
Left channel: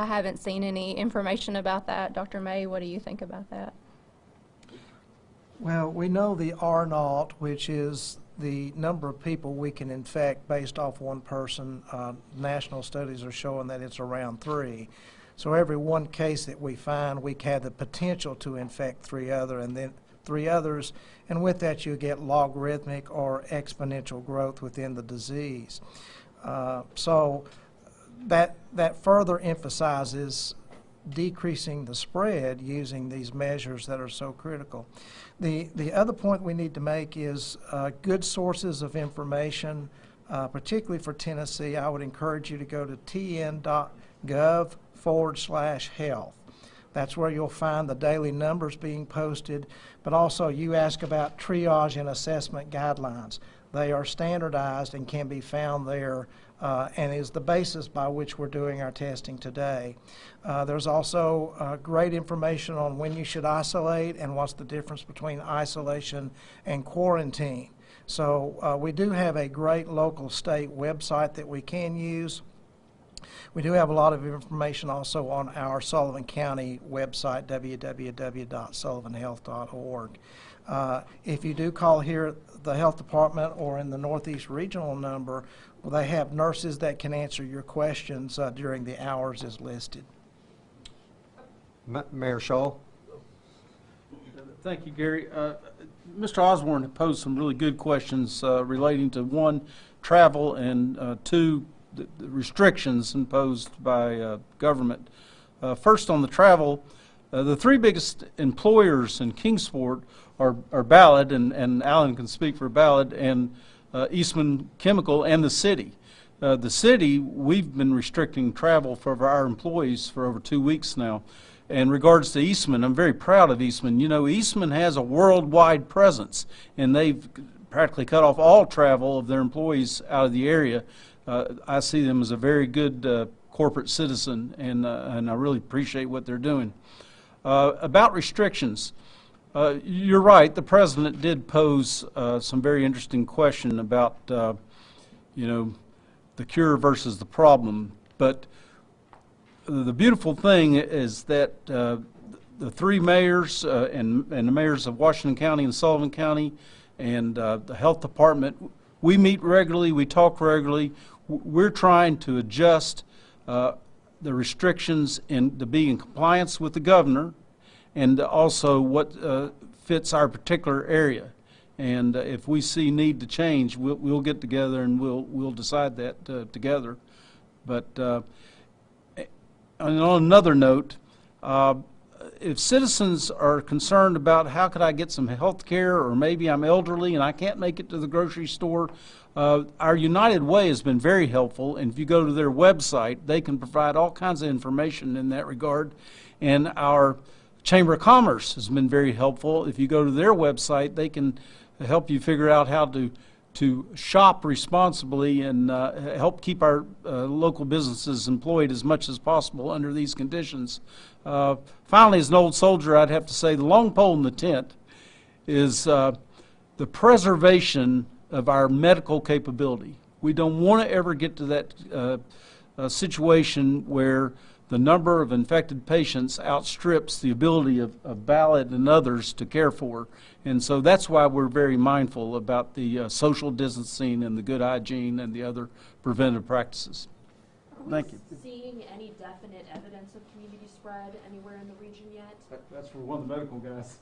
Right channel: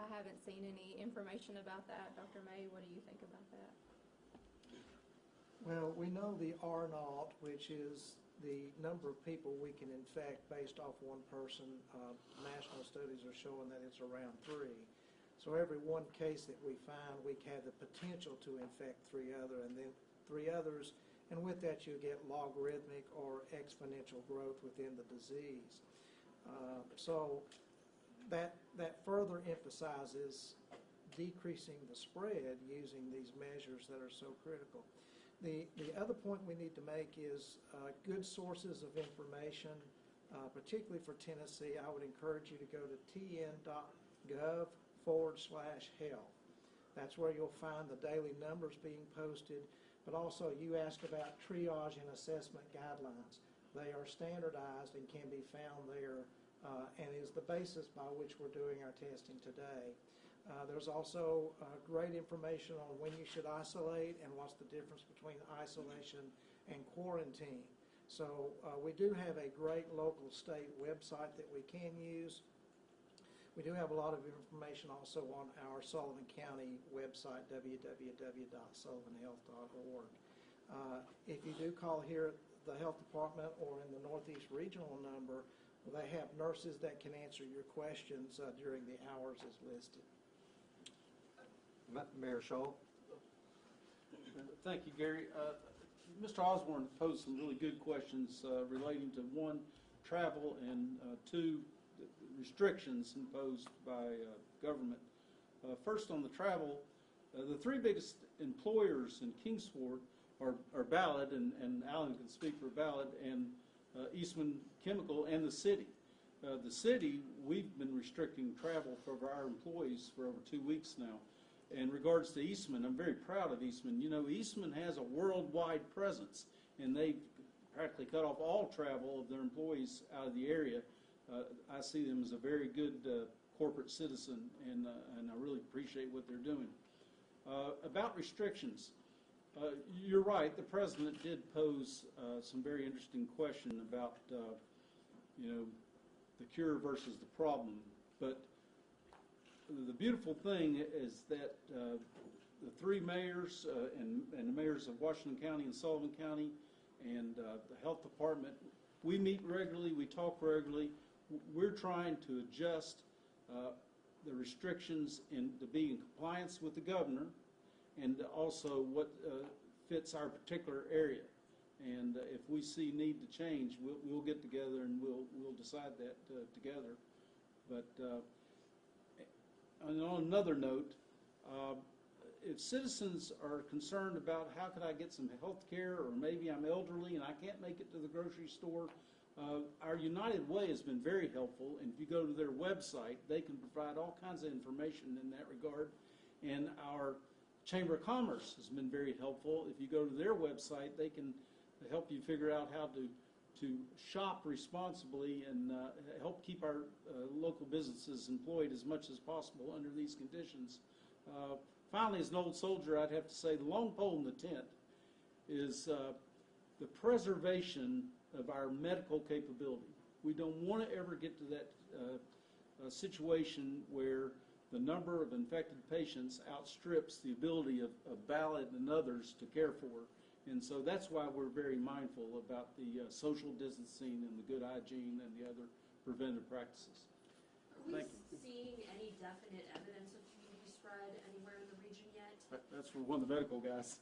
I haven't seen any information about that. Dr. May, what do you think about that? Well, we know the R0, which is the number of people we can infect based off one person. National studies are showing that it's around 3. So every one case that we find, we have the potential to infect 3 others, and with that you get logarithmic or exponential growth within the disease. So that further emphasizes decreasing the spread using these measures that are so critical. The other point we need to make is good sources of information, particularly for Tennessee. I would encourage you to go to tn.gov/health. That's where you'll find the daily numbers being posted, but also you ask about triage and assessment guidelines. They are standardized and can be found there and is the basis by which we're doing our testing today. There's also great information on when you should isolate and what's the difference between isolation and quarantine. So we do have a great local state website that we can use. We do have a lot of information also on our Sullivan County website, www.sullivanhealth.org. If you do call here at the health department or in the Northeast Regional number, well, they have nurses that can answer your questions during the hours as listed. Mayor Shaw. Thank you, Gary. Mr. Osborne posed some really good questions relating to 1, travel, and 2, the restrictions imposed by government First, on the travel, the three biggest employers in Kingsport are Ballard, and Alan can speak for Ballard, and Eastman Chemical, and the city. The city, we've been restricting travel for our employees for over 2 weeks now. In regards to Eastman, I'm very proud of Eastman. You know, Eastman has a worldwide presence, and they've practically cut off all travel of their employees out of the area. I see them as a very good corporate citizen, and I really appreciate what they're doing. About restrictions, you're right. The president did pose some very interesting question about, you know, the cure versus the problem. But the beautiful thing is that the three mayors and the mayors of Washington County and Sullivan County and the health department, we meet regularly, we talk regularly. We're trying to adjust the restrictions to be in compliance with the governor, and also what fits our particular area. And if we see need to change, we'll get together and we'll decide that together. But and on another note, if citizens are concerned about how could I get some health care, or maybe I'm elderly and I can't make it to the grocery store, our United Way has been very helpful, and if you go to their website, they can provide all kinds of information in that regard. And our Chamber of Commerce has been very helpful. If you go to their website, they can help you figure out how to shop responsibly and help keep our local businesses employed as much as possible under these conditions. Finally, as an old soldier, I'd have to say the long pole in the tent is the preservation of our medical capability. We don't want to ever get to that situation where the number of infected patients outstrips the ability of Ballard and others to care for. And so that's why we're very mindful about the social distancing and the good hygiene and the other preventive practices. Thank you. Seeing any definite evidence of community spread anywhere in the region yet? That's for one of the medical guys.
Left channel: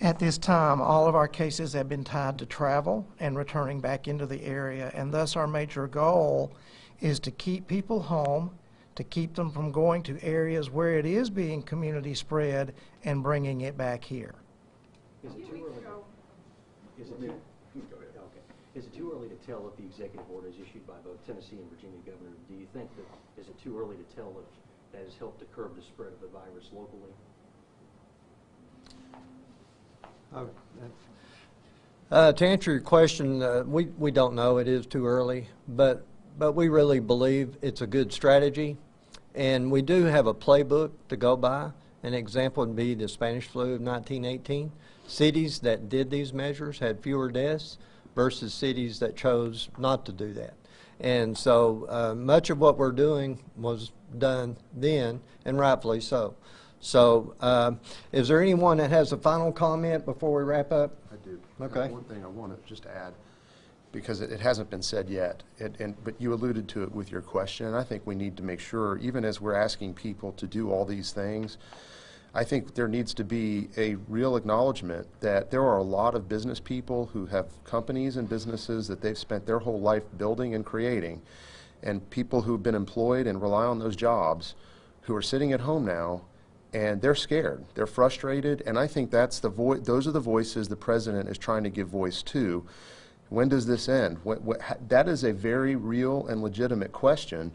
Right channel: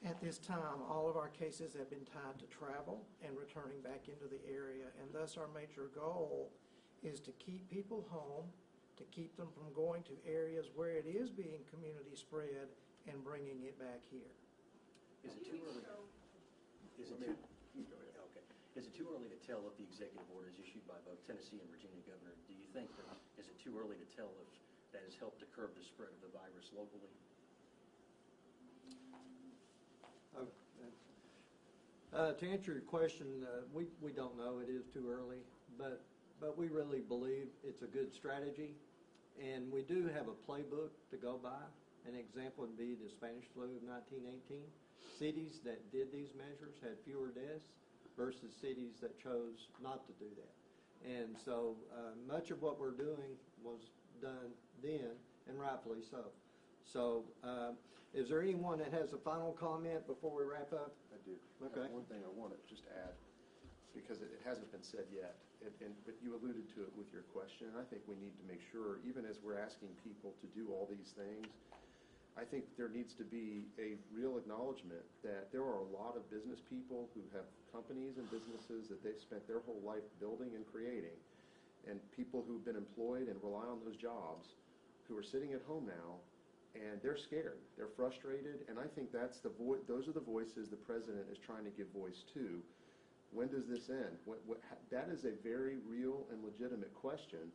At this time, all of our cases have been tied to travel and returning back into the area, and thus our major goal is to keep people home, to keep them from going to areas where it is being community spread and bringing it back here. Is it too early? Is it too early to tell if the executive order is issued by both Tennessee and Virginia governor? Do you think that is it too early to tell if that has helped to curb the spread of the virus locally? To answer your question, we don't know. It is too early, but we really believe it's a good strategy, and we do have a playbook to go by. An example would be the Spanish flu of 1918. Cities that did these measures had fewer deaths versus cities that chose not to do that. And so much of what we're doing was done then, and rightfully so. So is there anyone that has a final comment before we wrap up? I do. Okay. One thing I want to just add, because it hasn't been said yet, but you alluded to it with your question, and I think we need to make sure, even as we're asking people to do all these things, I think there needs to be a real acknowledgement that there are a lot of business people who have companies and businesses that they've spent their whole life building and creating, and people who've been employed and rely on those jobs who are sitting at home now, and they're scared, they're frustrated, and I think that's those are the voices the president is trying to give voice to. When does this end? That is a very real and legitimate question.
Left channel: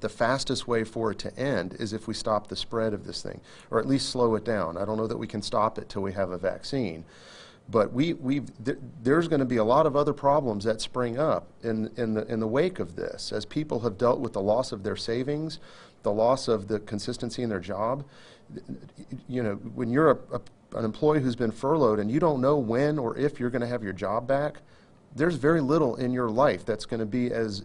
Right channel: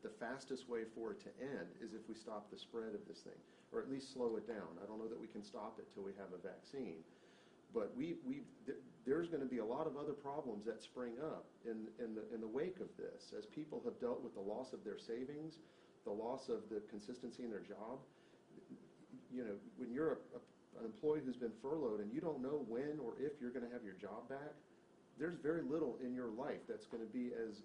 The fastest way for it to end is if we stop the spread of this thing, or at least slow it down. I don't know that we can stop it till we have a vaccine, but there's going to be a lot of other problems that spring up in the wake of this, as people have dealt with the loss of their savings, the loss of the consistency in their job. You know, when you're an employee who's been furloughed and you don't know when or if you're going to have your job back, there's very little in your life that's going to be as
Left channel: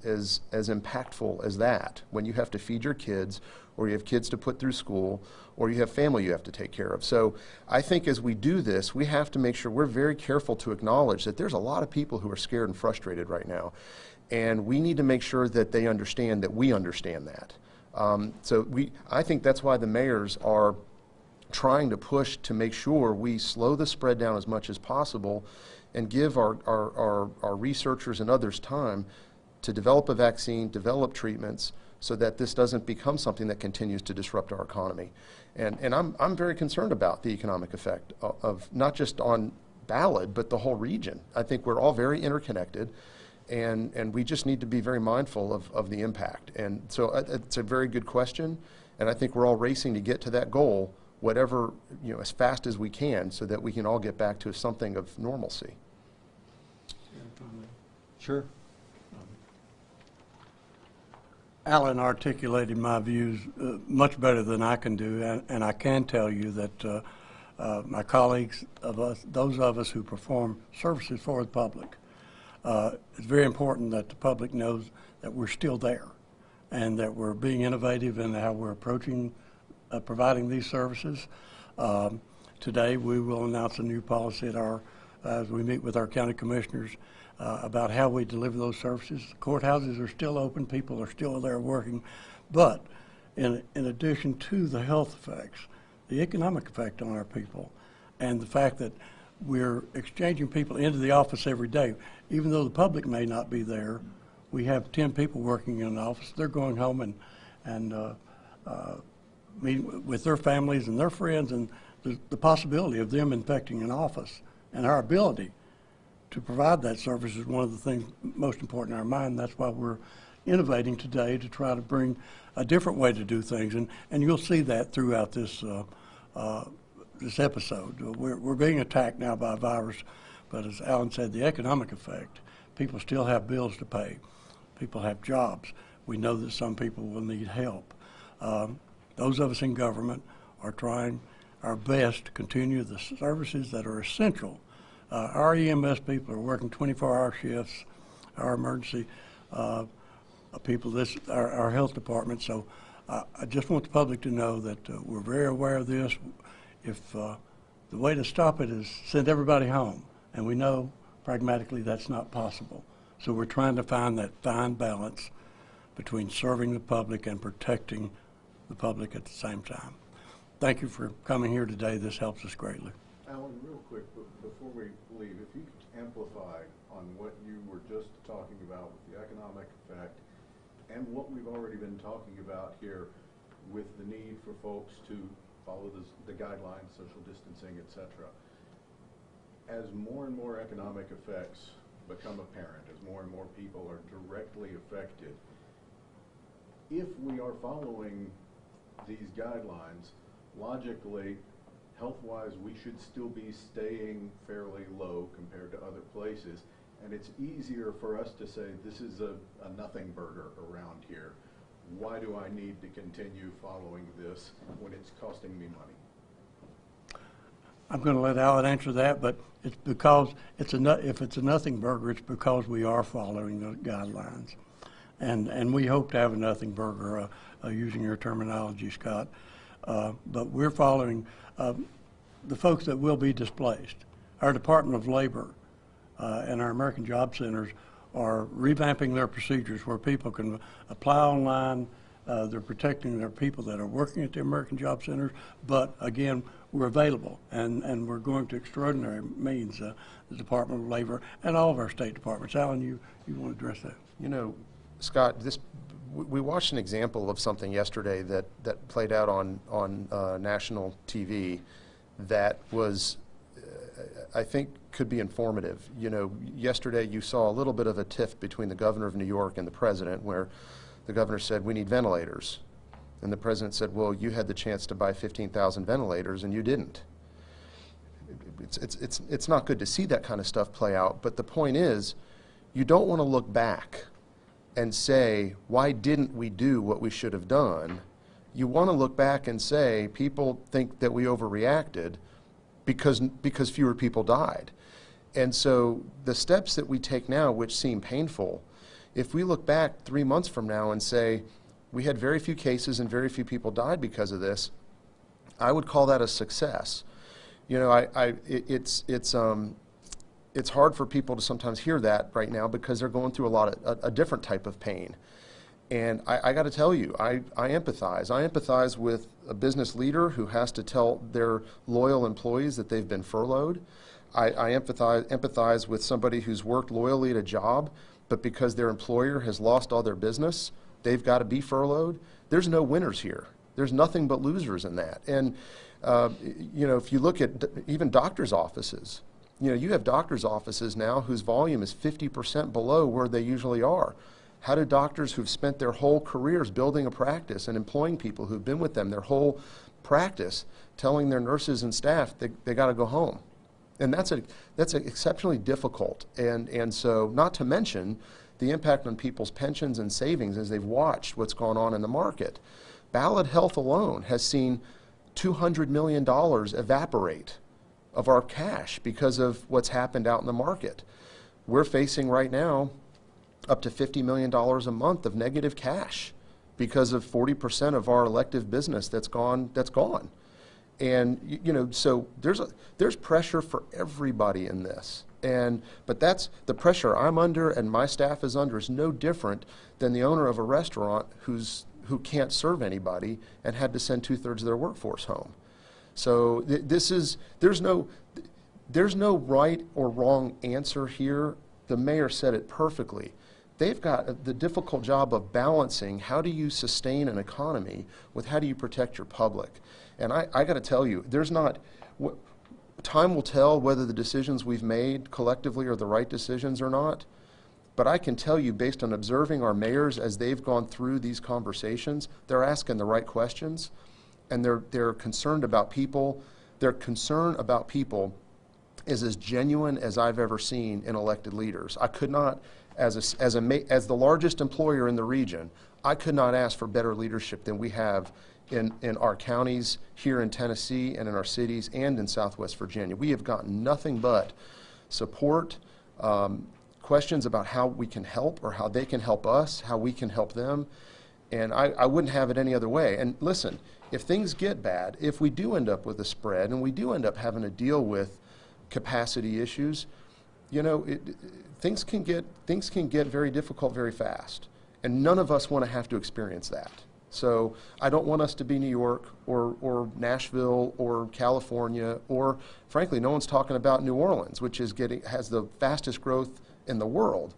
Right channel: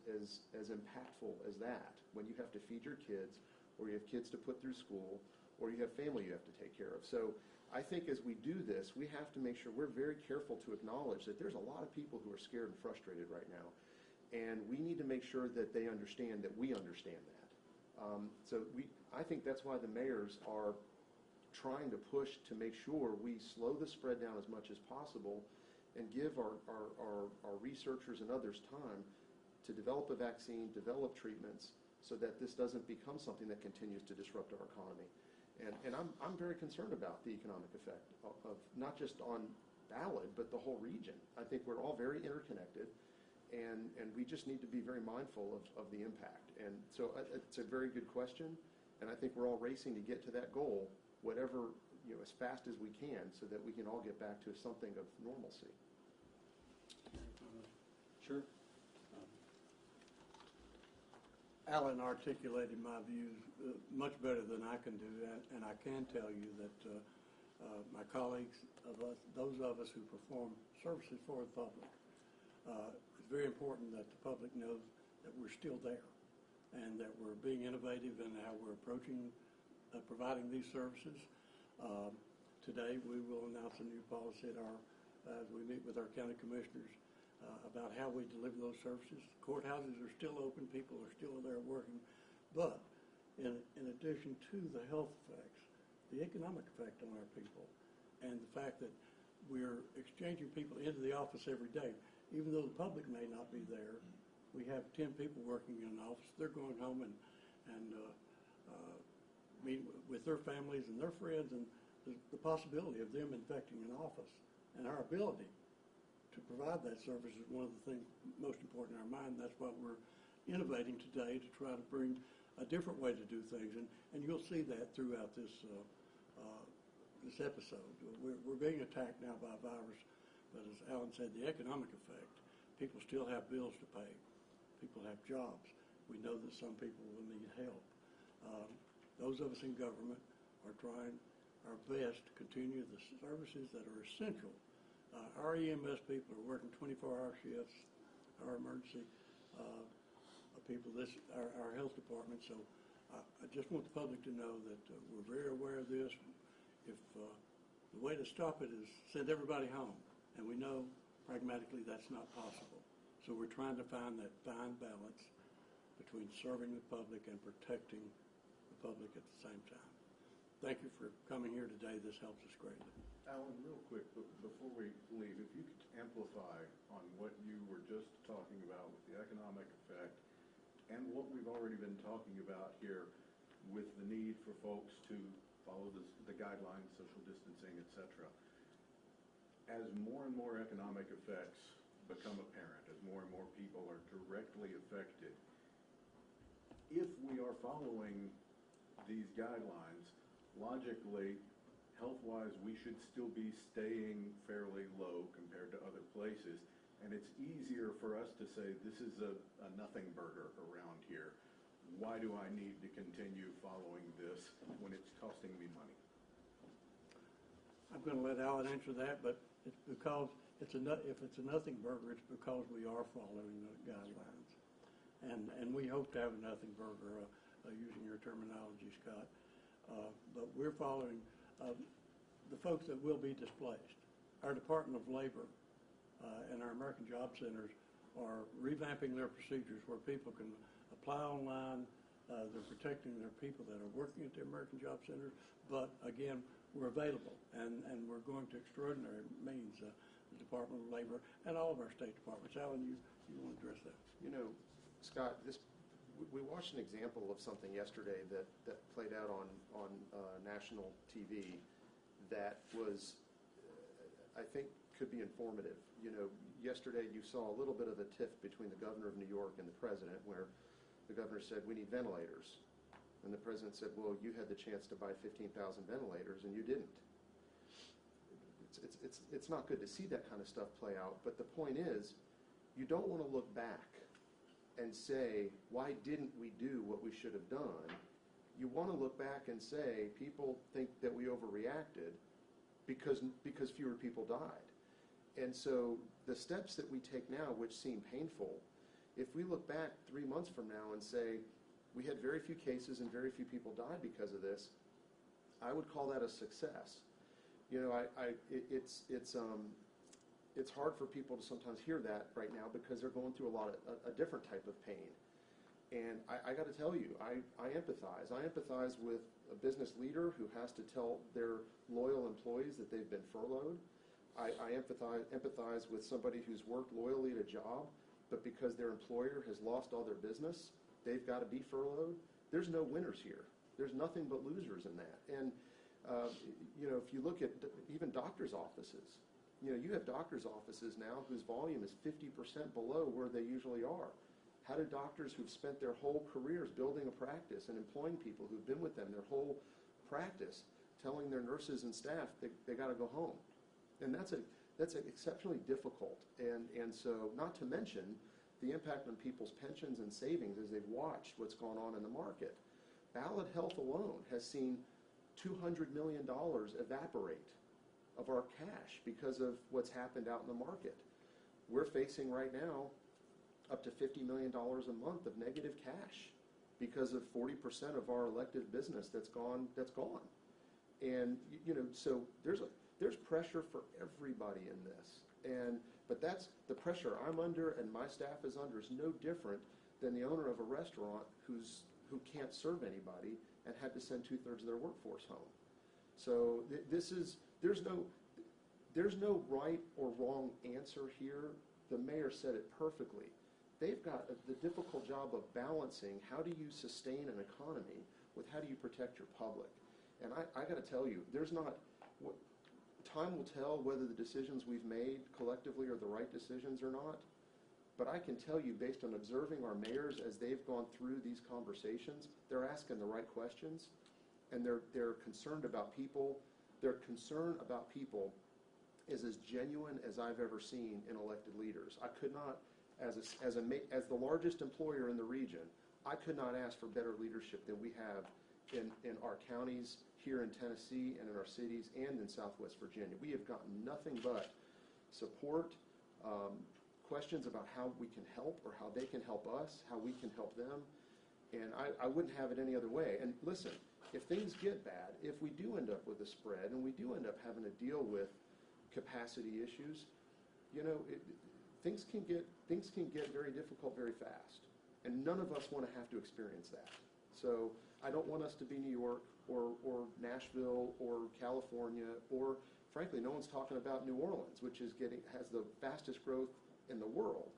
impactful as that, when you have to feed your kids, or you have kids to put through school, or you have family you have to take care of. So I think as we do this, we have to make sure we're very careful to acknowledge that there's a lot of people who are scared and frustrated right now, and we need to make sure that they understand that we understand that. I think that's why the mayors are trying to push to make sure we slow the spread down as much as possible and give our researchers and others time to develop a vaccine, develop treatments, so that this doesn't become something that continues to disrupt our economy. And I'm very concerned about the economic effect of not just on Ballard, but the whole region. I think we're all very interconnected, and we just need to be very mindful of the impact. And so it's a very good question, and I think we're all racing to get to that goal, whatever, as fast as we can, so that we can all get back to something of normalcy. Sure. Alan articulated my views much better than I can do, and I can tell you that my colleagues, those of us who perform services for the public, it's very important that the public knows that we're still there and that we're being innovative in how we're approaching providing these services. Today we will announce a new policy as we meet with our county commissioners about how we deliver those services. Courthouses are still open, people are still there working, but in addition to the health effects, the economic effect on our people, and the fact that we're exchanging people into the office every day, even though the public may not be there, we have 10 people working in an office. They're going home and meeting with their families and their friends, and the possibility of them infecting an office, and our ability to provide that service is one of the things most important in our mind. That's why we're innovating today to try to bring a different way to do things, and you'll see that throughout this this episode. We're being attacked now by a virus, but as Alan said, the economic effect, people still have bills to pay. People have jobs. We know that some people will need help. Those of us in government are trying our best to continue the services that are essential. Our EMS people are working 24-hour shifts, our emergency people, our health department. So I just want the public to know that we're very aware of this. If the way to stop it is send everybody home, and we know pragmatically that's not possible. So we're trying to find that fine balance between serving the public and protecting the public at the same time. Thank you for coming here today. This helps us greatly. Alan, real quick, before we leave, if you could amplify on what you were just talking about with the economic effect and what we've already been talking about here with the need for folks to follow the guidelines, social distancing, etc. As more and more economic effects become apparent, as more and more people are directly affected, if we are following these guidelines, logically, health-wise, we should still be staying fairly low compared to other places. And it's easier for us to say, this is a nothing burger around here. Why do I need to continue following this when it's costing me money? I'm going to let Alan answer that, but it's because if it's a nothing burger, it's because we are following the guidelines. And we hope to have a nothing burger, using your terminology, Scott. But we're following the folks that will be displaced. Our Department of Labor and our American Job Centers are revamping their procedures where people can apply online. They're protecting their people that are working at the American Job Centers, but again, we're available, and we're going to extraordinary means, the Department of Labor and all of our state departments. Alan, you want to address that? You know, Scott, we watched an example of something yesterday that played out on national TV that was, I think, could be informative. You know, yesterday you saw a little bit of a tiff between the governor of New York and the president, where the governor said, we need ventilators. And the president said, well, you had the chance to buy 15,000 ventilators and you didn't. It's not good to see that kind of stuff play out, but the point is, you don't want to look back and say, why didn't we do what we should have done? You want to look back and say, people think that we overreacted because fewer people died. And so the steps that we take now, which seem painful, if we look back 3 months from now and say, we had very few cases and very few people died because of this, I would call that a success. You know, it's hard for people to sometimes hear that right now because they're going through a different type of pain. And I got to tell you, I empathize. I empathize with a business leader who has to tell their loyal employees that they've been furloughed. I empathize with somebody who's worked loyally at a job, but because their employer has lost all their business, they've got to be furloughed. There's no winners here. There's nothing but losers in that. And, you know, if you look at even doctors' offices, you know, you have doctors' offices now whose volume is 50% below where they usually are. How do doctors who've spent their whole careers building a practice and employing people who've been with them their whole practice telling their nurses and staff they got to go home? And that's exceptionally difficult. And so not to mention the impact on people's pensions and savings as they've watched what's gone on in the market. Ballad Health alone has seen $200 million evaporate of our cash because of what's happened out in the market. We're facing right now up to $50 million a month of negative cash because of 40% of our elective business that's gone. And you know, so there's pressure for everybody in this. But that's the pressure I'm under and my staff is under is no different than the owner of a restaurant who can't serve anybody and had to send 2/3 of their workforce home. So there's no right or wrong answer here. The mayor said it perfectly. They've got the difficult job of balancing how do you sustain an economy with how do you protect your public. And I got to tell you, time will tell whether the decisions we've made collectively are the right decisions or not. But I can tell you, based on observing our mayors as they've gone through these conversations, they're asking the right questions, and they're concerned about people. Their concern about people is as genuine as I've ever seen in elected leaders. I could not, as the largest employer in the region, I could not ask for better leadership than we have in our counties here in Tennessee and in our cities and in Southwest Virginia. We have gotten nothing but support, questions about how we can help or how they can help us, how we can help them, and I wouldn't have it any other way. And listen, if things get bad, if we do end up with a spread and we do end up having to deal with capacity issues, you know, things can get very difficult very fast, and none of us want to have to experience that. So I don't want us to be New York or Nashville or California, or frankly, no one's talking about New Orleans, which has the fastest growth in the world.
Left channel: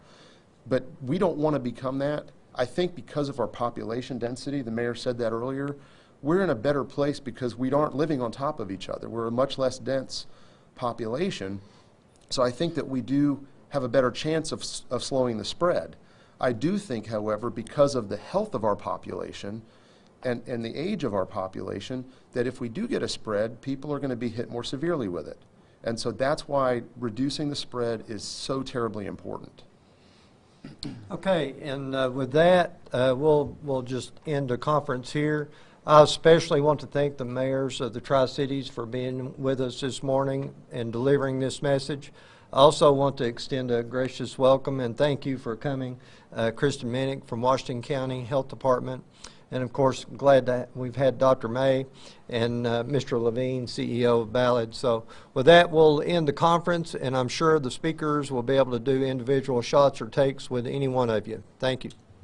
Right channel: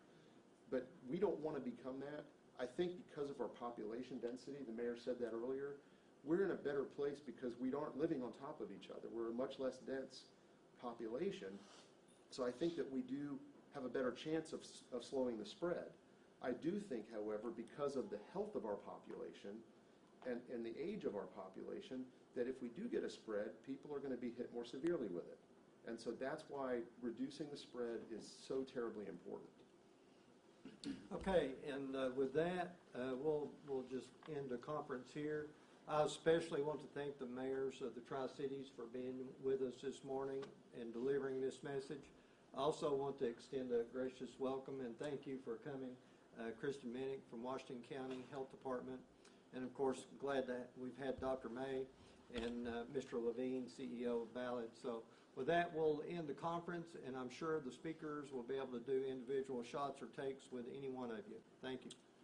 But we don't want to become that. I think because of our population density, the mayor said that earlier, we're in a better place because we aren't living on top of each other. We're a much less dense population. So I think that we do have a better chance of slowing the spread. I do think, however, because of the health of our population and the age of our population, that if we do get a spread, people are going to be hit more severely with it. And so that's why reducing the spread is so terribly important. Okay, and with that, we'll just end the conference here. I especially want to thank the mayors of the Tri-Cities for being with us this morning and delivering this message. I also want to extend a gracious welcome and thank you for coming, Kristen Minnick from Washington County Health Department. And of course, glad that we've had Dr. May and Mr. Levine, CEO of Ballad. So with that, we'll end the conference, and I'm sure the speakers will be able to do individual shots or takes with any one of you. Thank you.